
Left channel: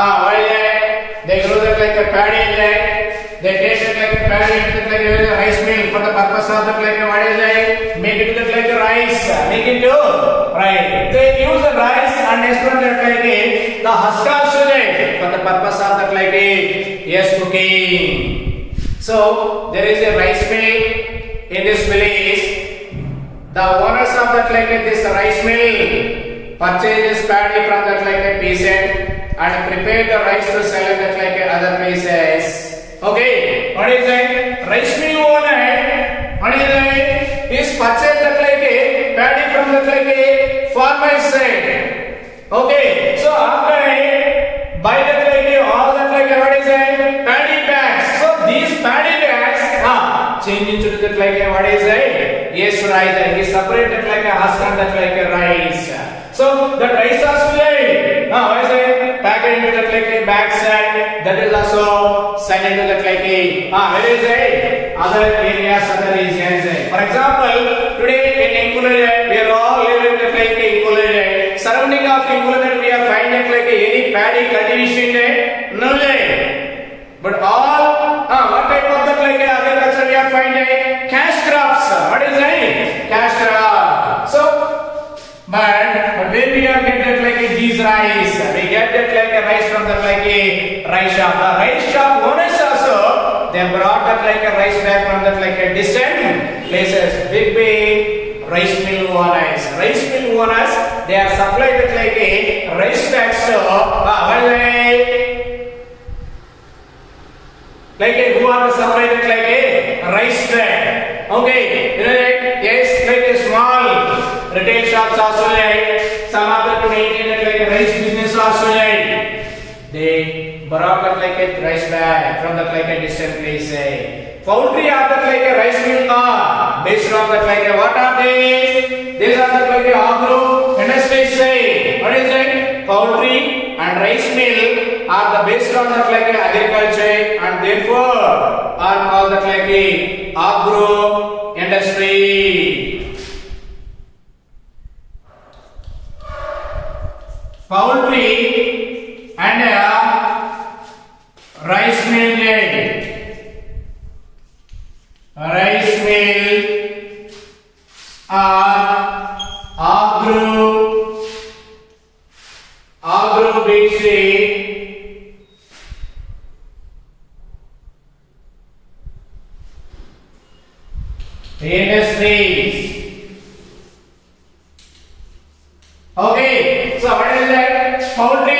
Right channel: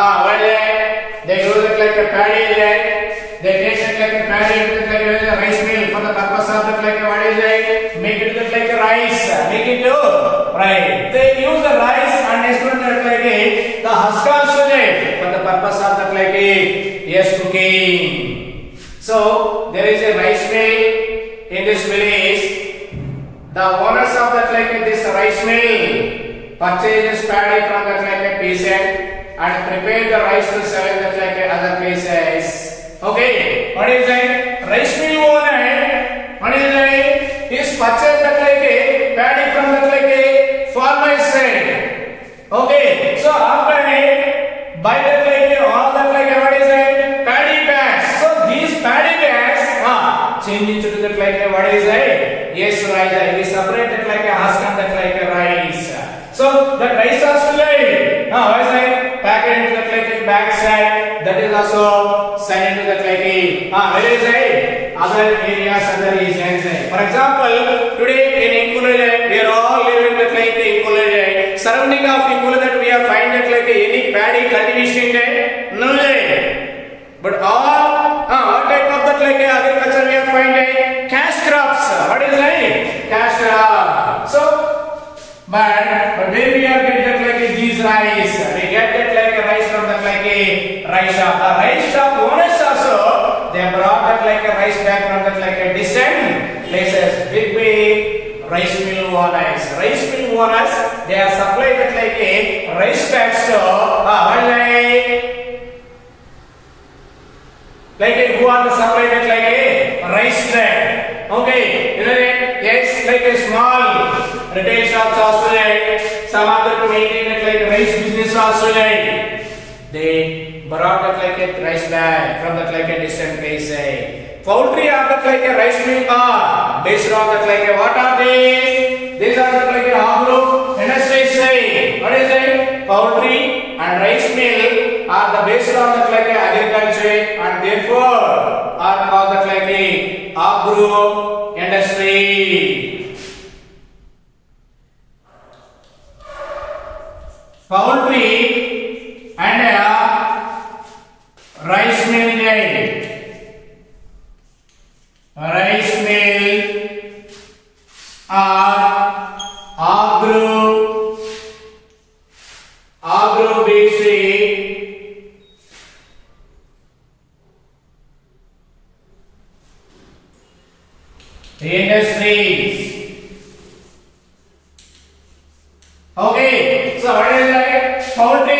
they grow that like a paddy there. They take it like a paddy like a rice mill for the purpose of that like what is it? Make it that like a rice. Make it to rice. They use the rice and extract that like the husk also for the purpose of that like yes cooking. So there is a rice mill in this village. The owners of that like this rice mill purchases paddy from that like a peasant and prepare the rice to sell in that like other places. Okay, what is that? Rice mill owner, what is that? Is purchased that like a paddy from that like a farmer's side. Okay, so after buy that like all that like what is that? Paddy bags. These paddy bags change into that like what is it? Yes, rice. He separated like a husk and that like a rice. So the rice has to lay. What is that? Packaged into that like a bag side. That is where is it? Other areas, other regions. For example, today in Ingulurde, we are all living that like Ingulurde. Surrounding of Ingulurde, we are finding that like any paddy cultivation there, no there. But all, what type of that like agriculture we are finding? Cash crops. What is it? Cash crop. So, but where we are get that like these rice, we get that like a rice from that like a rice shop. The rice shop owners also, they brought that like a rice back from that like a distant places. Big rice mill owners. Rice mill owners, they are supplied that like a rice bags to like a who are the supplied that like a rice bag. Okay, you know that? Yes, like a small retail shops also there. Some of them to maintain it like a rice business also there. They brought it like a rice bag from that like a distant place. Poultry are that like a rice mill based on that like a what are they? These are that like a agro industries. What is it? Poultry and rice mill are the based on that like a agriculture and therefore are called that like a agro industry. Poultry and rice mill. Rice mill are agro basic industries. Okay, so what is that? Poultry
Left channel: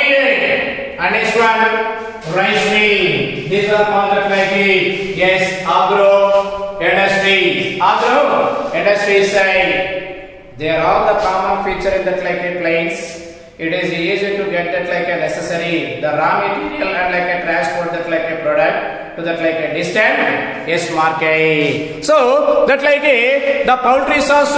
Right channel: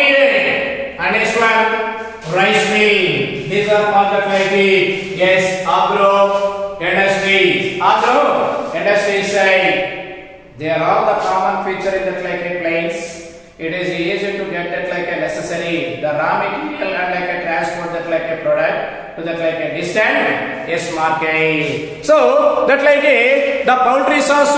and next one rice mill. These are called the like yes agro industries. Agro industries side. They are all the common feature in that like a place. It is easy to get that like a necessary the raw material and like a transport that like a product to that like a distant yes market. So that like a the poultry source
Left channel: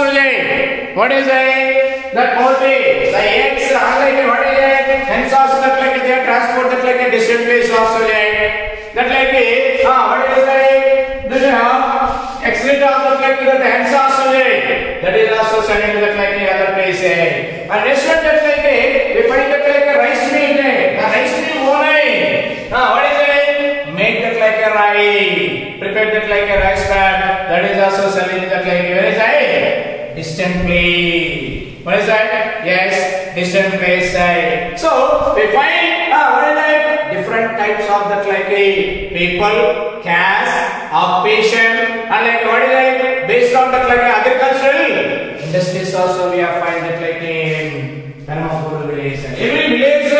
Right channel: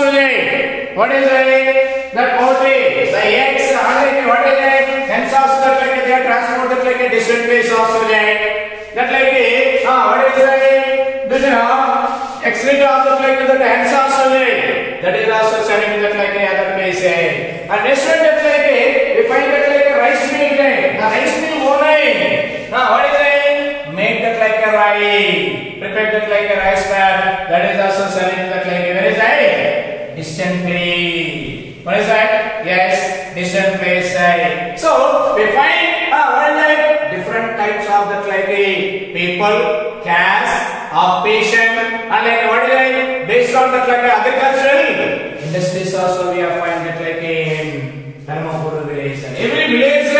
what is it? That poultry, the eggs, what is it? Hence also that like they are transported like a distant place also that like what is it? The excellent of that like the hence also that is also sending to that like other place. And next one that like we find that like a rice mill. The rice mill only. What is it? Make that like a rice. Prepare that like a rice bag. That is also selling that like where is it? Distant place. What is that? Yes, distant place. So we find what is that? Different types of that like a people, caste, occupation, and like what is that? Based on that like agricultural industries also we are find that like in Dharmapur village. Every village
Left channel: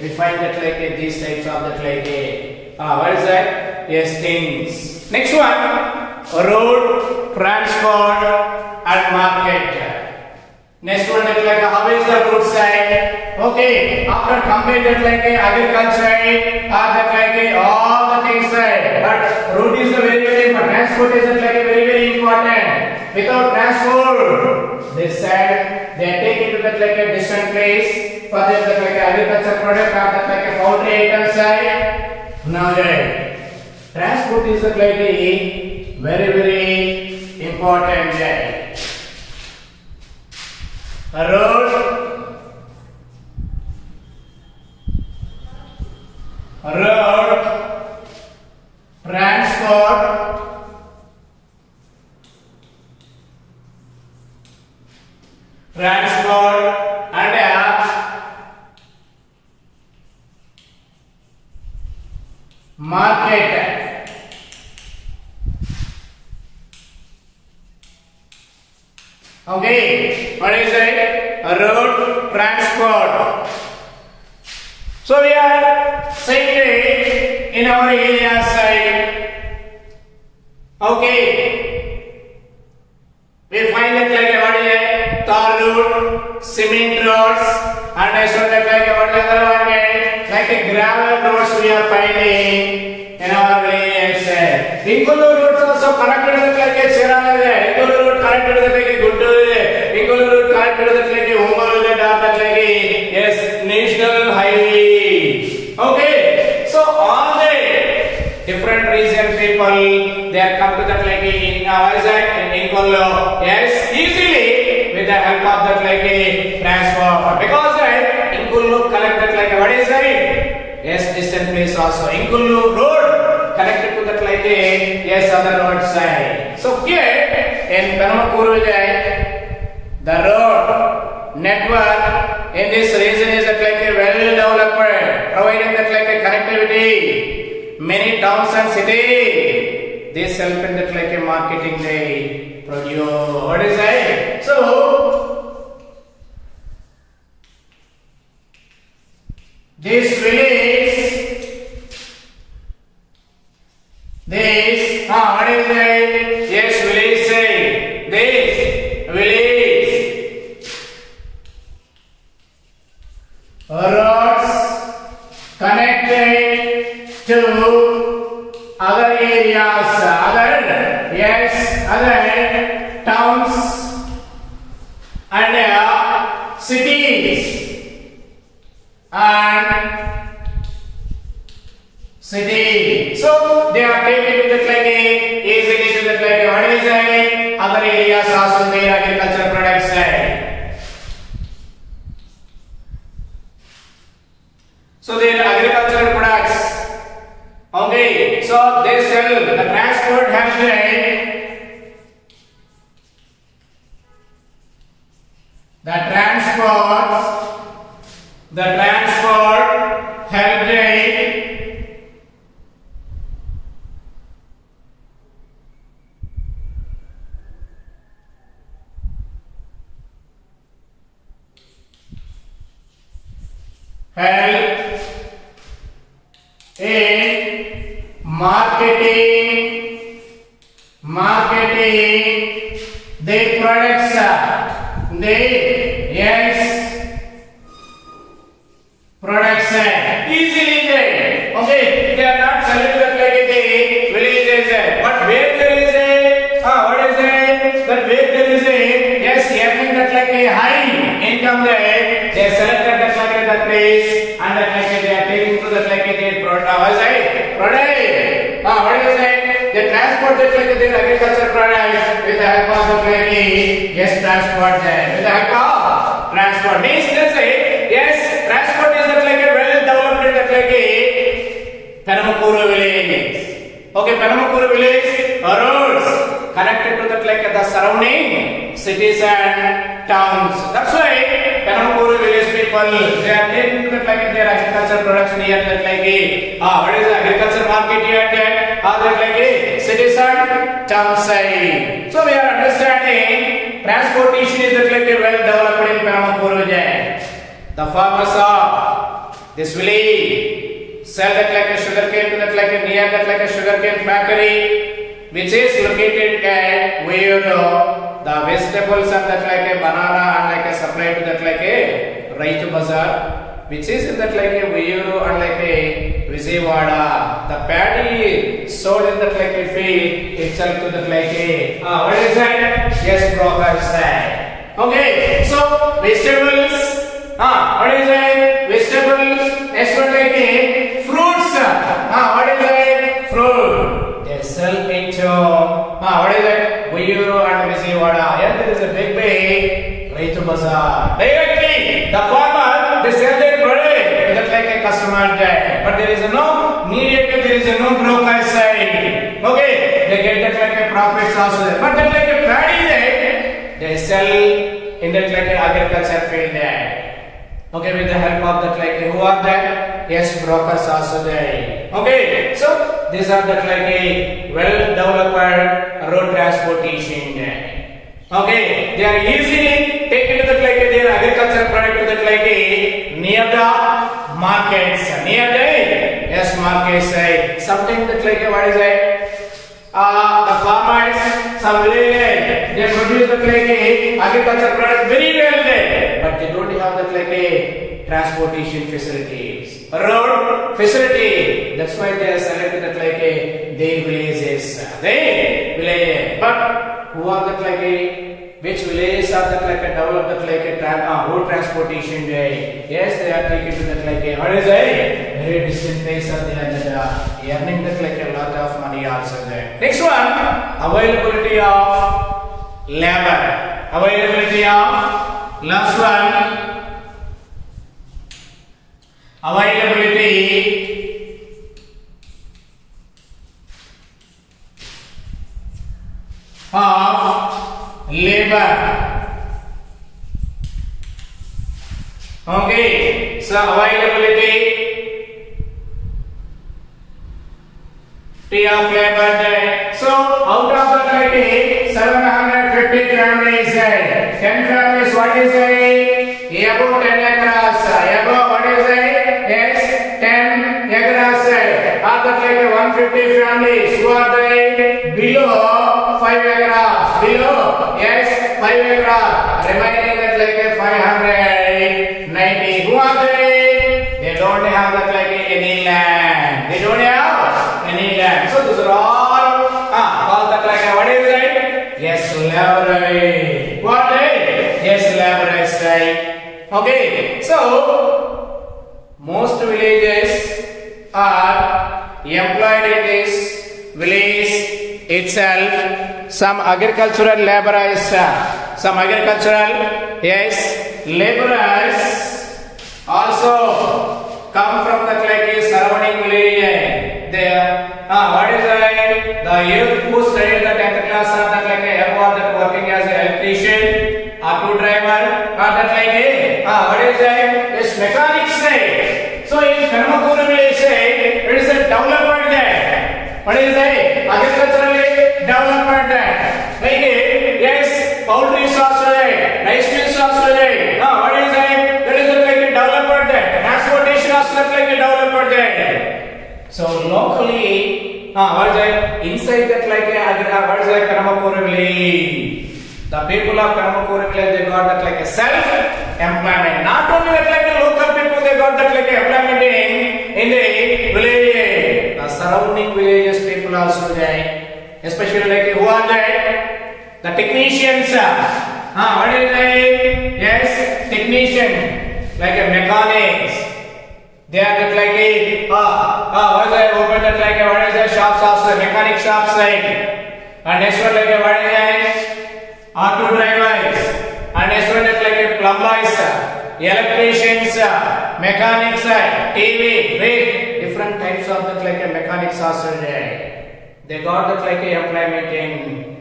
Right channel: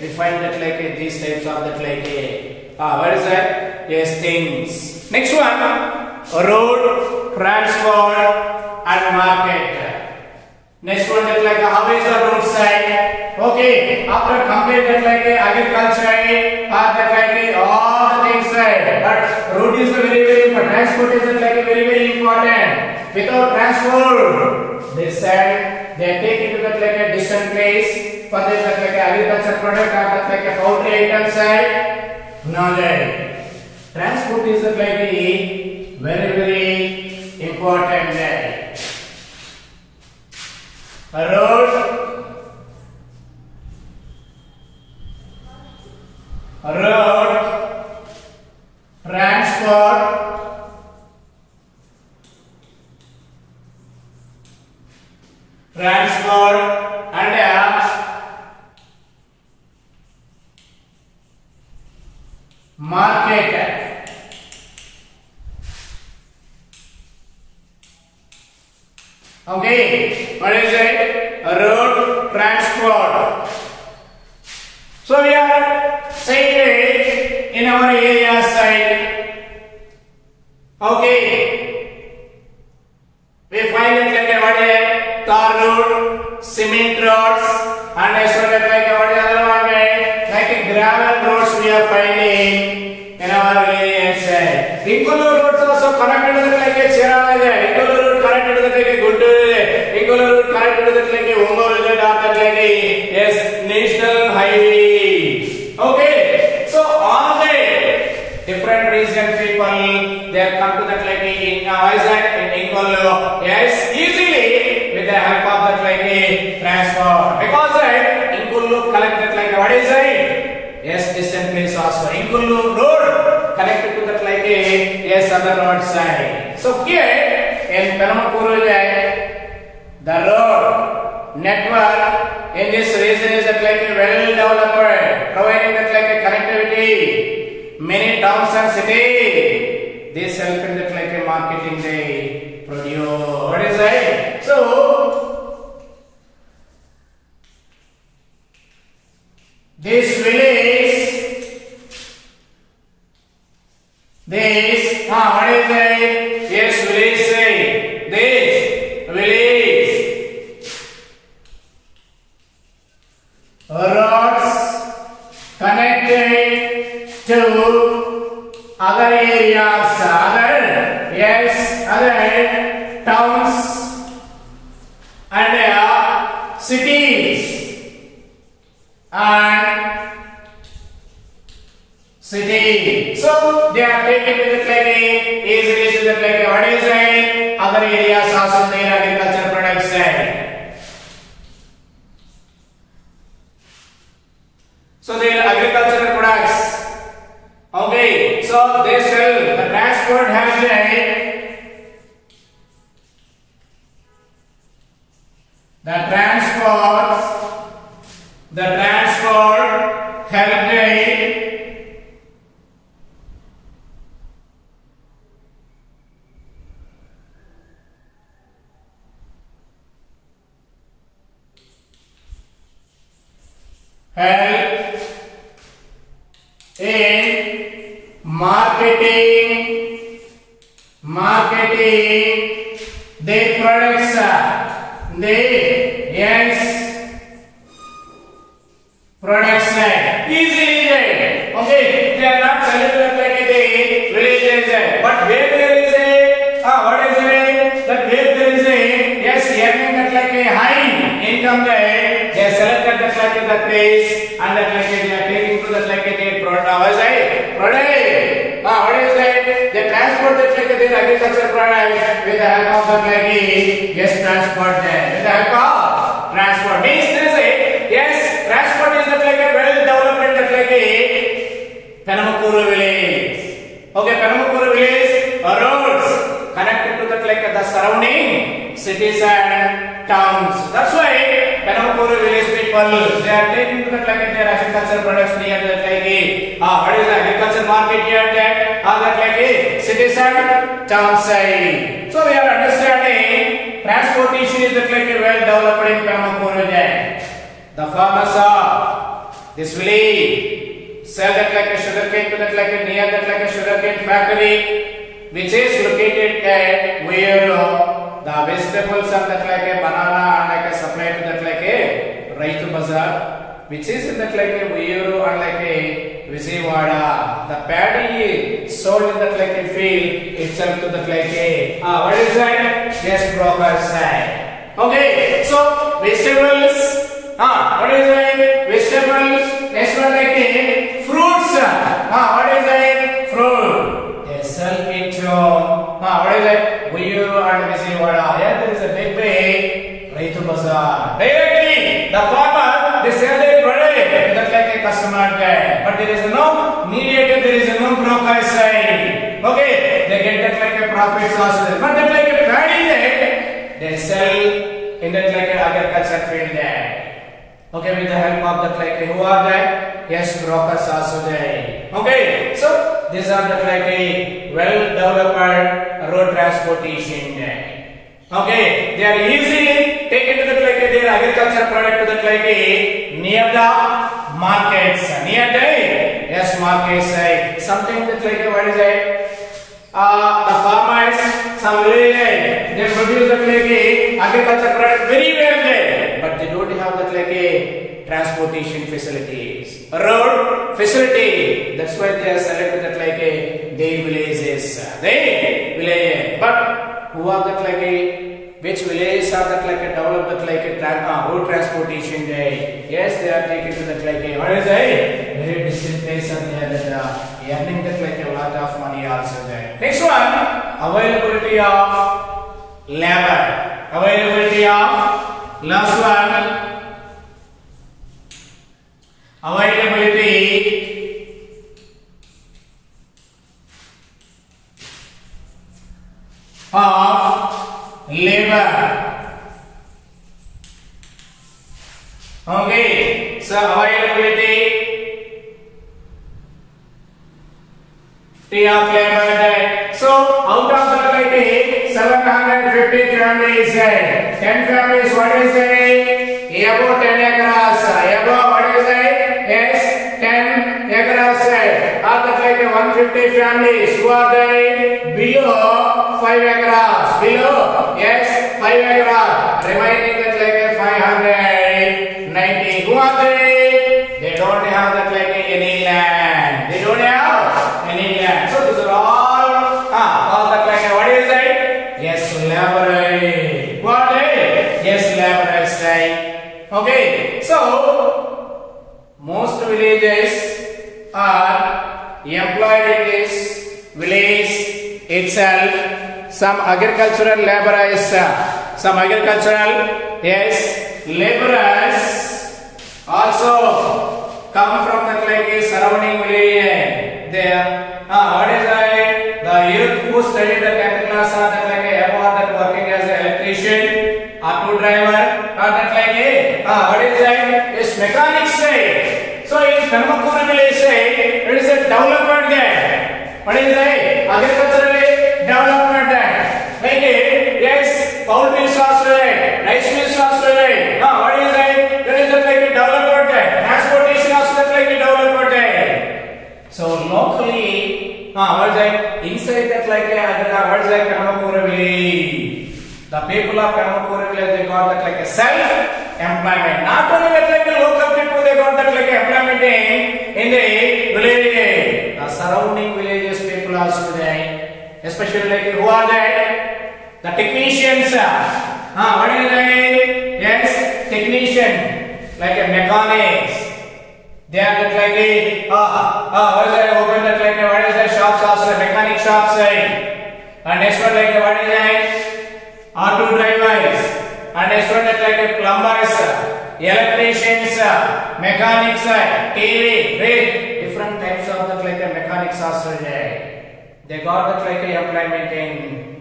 we find that like these types of that like what is that? Yes, things. Next one, road, transport, and market. Next one is like how is the road side? Okay, after complete that like agriculture, that like all the things side. But road is the very important. Transport is like very important. Without transport, this side they are taken to that like a distant place for that like agriculture product or that like a poultry item side. Now transport is like very important. Road, transport and market. Okay, what is it? Road, transport. So we are saying it in our area side. Okay, we find that like what is it? Tar road, cement roads, and I saw that like what is other one like a gravel roads we are finding in our area side. Ingoluru roads also connected with like a Chirala there. Ingoluru road connected with like a Guntur there. Ingoluru road connected with like a Ongolu there. That like a yes national highway. Okay, so all the different region what is that in Inkullu? Yes, easily with the help of that like a transport, because that Inkullu collect that like what is that? Yes, distant place also. Inkullu road connected to that like a yes other road side. So here in Penamakuru, the road network in this region is that like a well developed, providing that like a connectivity. Many towns and cities, this help in that like a marketing they produce. What is that? So this village, this what is that? Yes, village say this village roads connected to other areas, other towns and cities and city. So they are taken to the clinic, easily to the clinic. What is it? Other areas also their agricultural products. So they are agricultural products. Okay, so they sell the transport has the transport help in marketing their products, products easily there. Okay, they are not selling to the villages, but where there is a what is it? That where there is a earning that like a high income there, they selected that like that place and that like they are taking to that like a product. What is it? Product. What is it? They transport that like their agriculture product with the help of the like transport there. With the help of transport means they say transport is that like a well developed that like a Penamakuru village. Okay, Penamakuru village roads connected to that like the surrounding cities and towns. That's why Penamakuru village people they are taking to that like their agricultural products near that like what is the agriculture market here there? That like cities and town side. So we are understanding transportation is that like a well developed in Penamakuru there. The farmers of this village sell that like a sugarcane to that like a near that like a sugarcane factory, which is located at where the vegetables and that like a banana and like a supply to that like a Raitu Bazaar, which is in that like a Vayuru and like a Vijayawada. The paddy sold in that like a field itself to that like a what is that? Yes, brokers side. Okay, so vegetables. What is it? Vegetables. Next one like a fruits. What is it? Fruit. They sell it to what is it? Vayuru and Vijayawada. Here there is a big Raitu Bazaar. Directly the farmer they sell their product just like a customer there. But there is no mediator, there is no broker side. Okay, they get that like a profits also. But that like a paddy there, they sell in that like a agriculture field there. Okay, with the help of that like who are that? Yes, brokers also there. Okay, so these are that like a well developed road transportation there. Okay, they are easily taken to that like their agriculture product to that like near the markets, near the markets side. Sometimes that like what is it? The farmers, some village, they produce that like agriculture product very well there, but they don't have that like a transportation facilities, road facility. That's why they are selected that like their villages, But who are that like which villages are that like developed that like road transportation there? Yes, they are taken to that like what is it? Very distant place and they are earning that like a lot of money also there. Next one. availability of labor. Availability of last one. Availability of labor. Okay, so availability of labor there. So out of that, like 750 families, 10 families, what is it? Above 10 acres. Above, what is it? Yes, 10 acres. Are that like 150 families who are there below 5 acres? Below, yes, 5 acres. Remaining that like 590. Who are they? They don't have that like any land. They don't have any land. So these are all called that like what is it? Yes, laborers. What they? Yes, laborers, right? Okay. So most villages are employed in this village itself. Some agricultural laborers, yes, laborers also come from the like surrounding village. There, what is it? The youth who study the 10th class are that like above that working as an electrician, auto driver, or that like what is it? It's mechanics side. So in Penamakuru village it is a development there. What is it? Agriculturally development there. Like yes, poultry also there, rice mills also there. What is it? There is like a development there. Transportation also like a development there. So locally, what is it? Inside that like what is it? Penamakuru village. The people of Penamakuru village, they got that like a self-employment. Not only that like the local people, they got that like employment in the village. The surrounding villages people also there. Especially like who are there? The technicians. What is it? Yes, technician. Like a mechanics. They are like what is it? Open that like what is the shops also? Mechanic shops like. And next one like what is it? Auto drivers. And next one like plumbers, electricians, mechanics, TV, different types of that like mechanics also there. They got that like employment in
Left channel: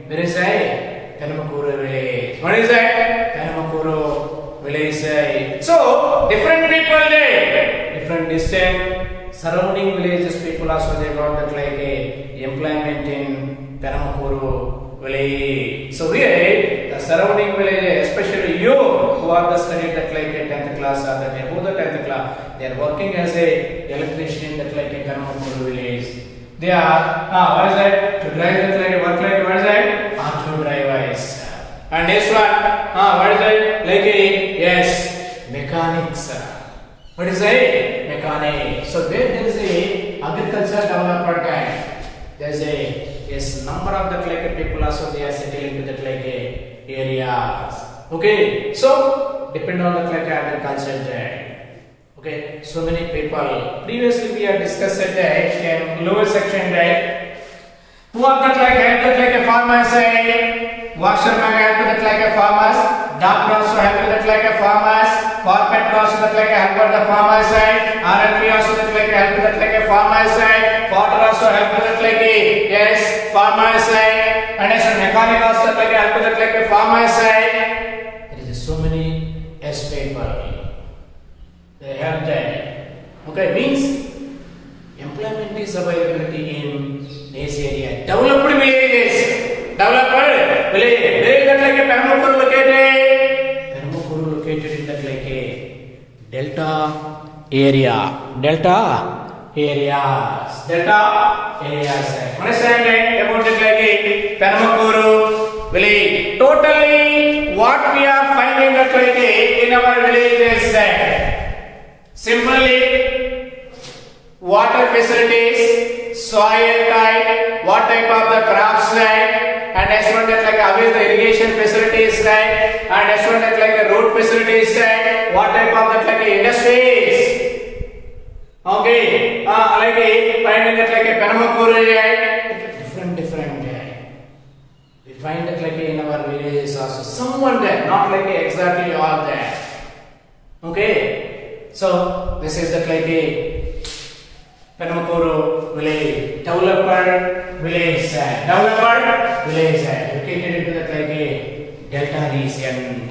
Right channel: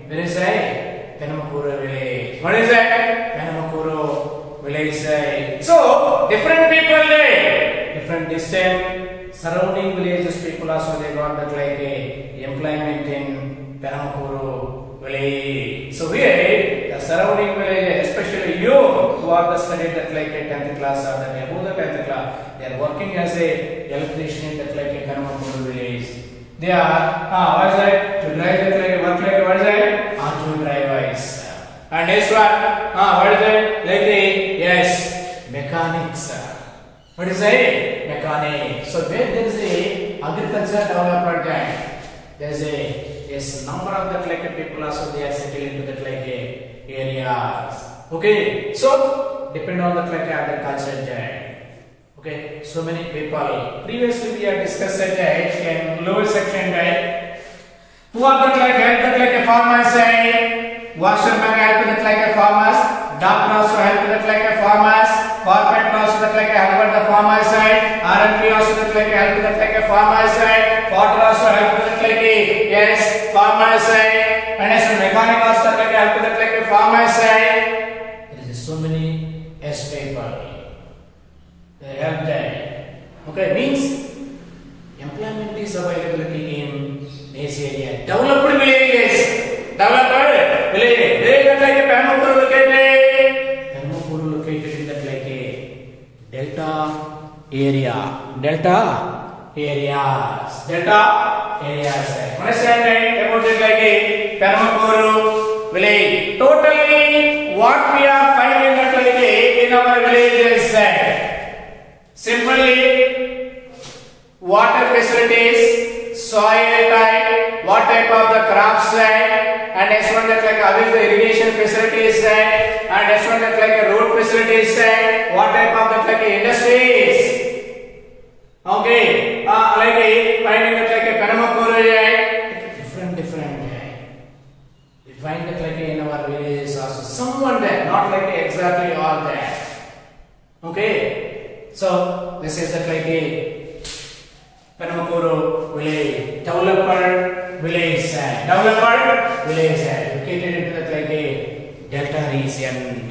where is it? Penamakuru village. What is it? Penamakuru village. So different people there, different distant surrounding villages people also they got that like employment in Penamakuru village. So here the surrounding villages, especially you who are the studying that like 10th class or that who the 10th class, they are working as a electrician in that like Penamakuru village. They are what is it? To drive that like work like what is it? Auto drivers. And this one what is it? Like yes, mechanics. What is it? Mechanics. So where there is a agricultural development and there is a yes number of that like people also they are settled into that like areas. Okay. So depend on that like agriculture there. Okay, so many people. Previously we have discussed that in lower section that who are that like help that like a farmers say, washerman help that like a farmers, doctor also help that like a farmers, carpenter also that like a help the farmers side, RMP also that like a help that like a farmers side, potter also help that like a yes farmers side, and as a mechanic also that like a help that like a farmers side. There is so many S people. They have that. Okay, means employment is availability in this area. Developed villages. Developed village. Where is that like a Penamakuru located? Penamakuru located in that like a delta area. Delta areas. Delta areas. Understand about it like a Penamakuru village. Totally what we are finding that like in our villages. Simply, water facilities, soil type, what type of the crops and next one that like always the irrigation facilities and next one that like the road facilities what type of that like industries. Okay, like finding that like a Penamakuru different. Okay, so this is that like a Penamakuru village, developed village, located into that like a delta region,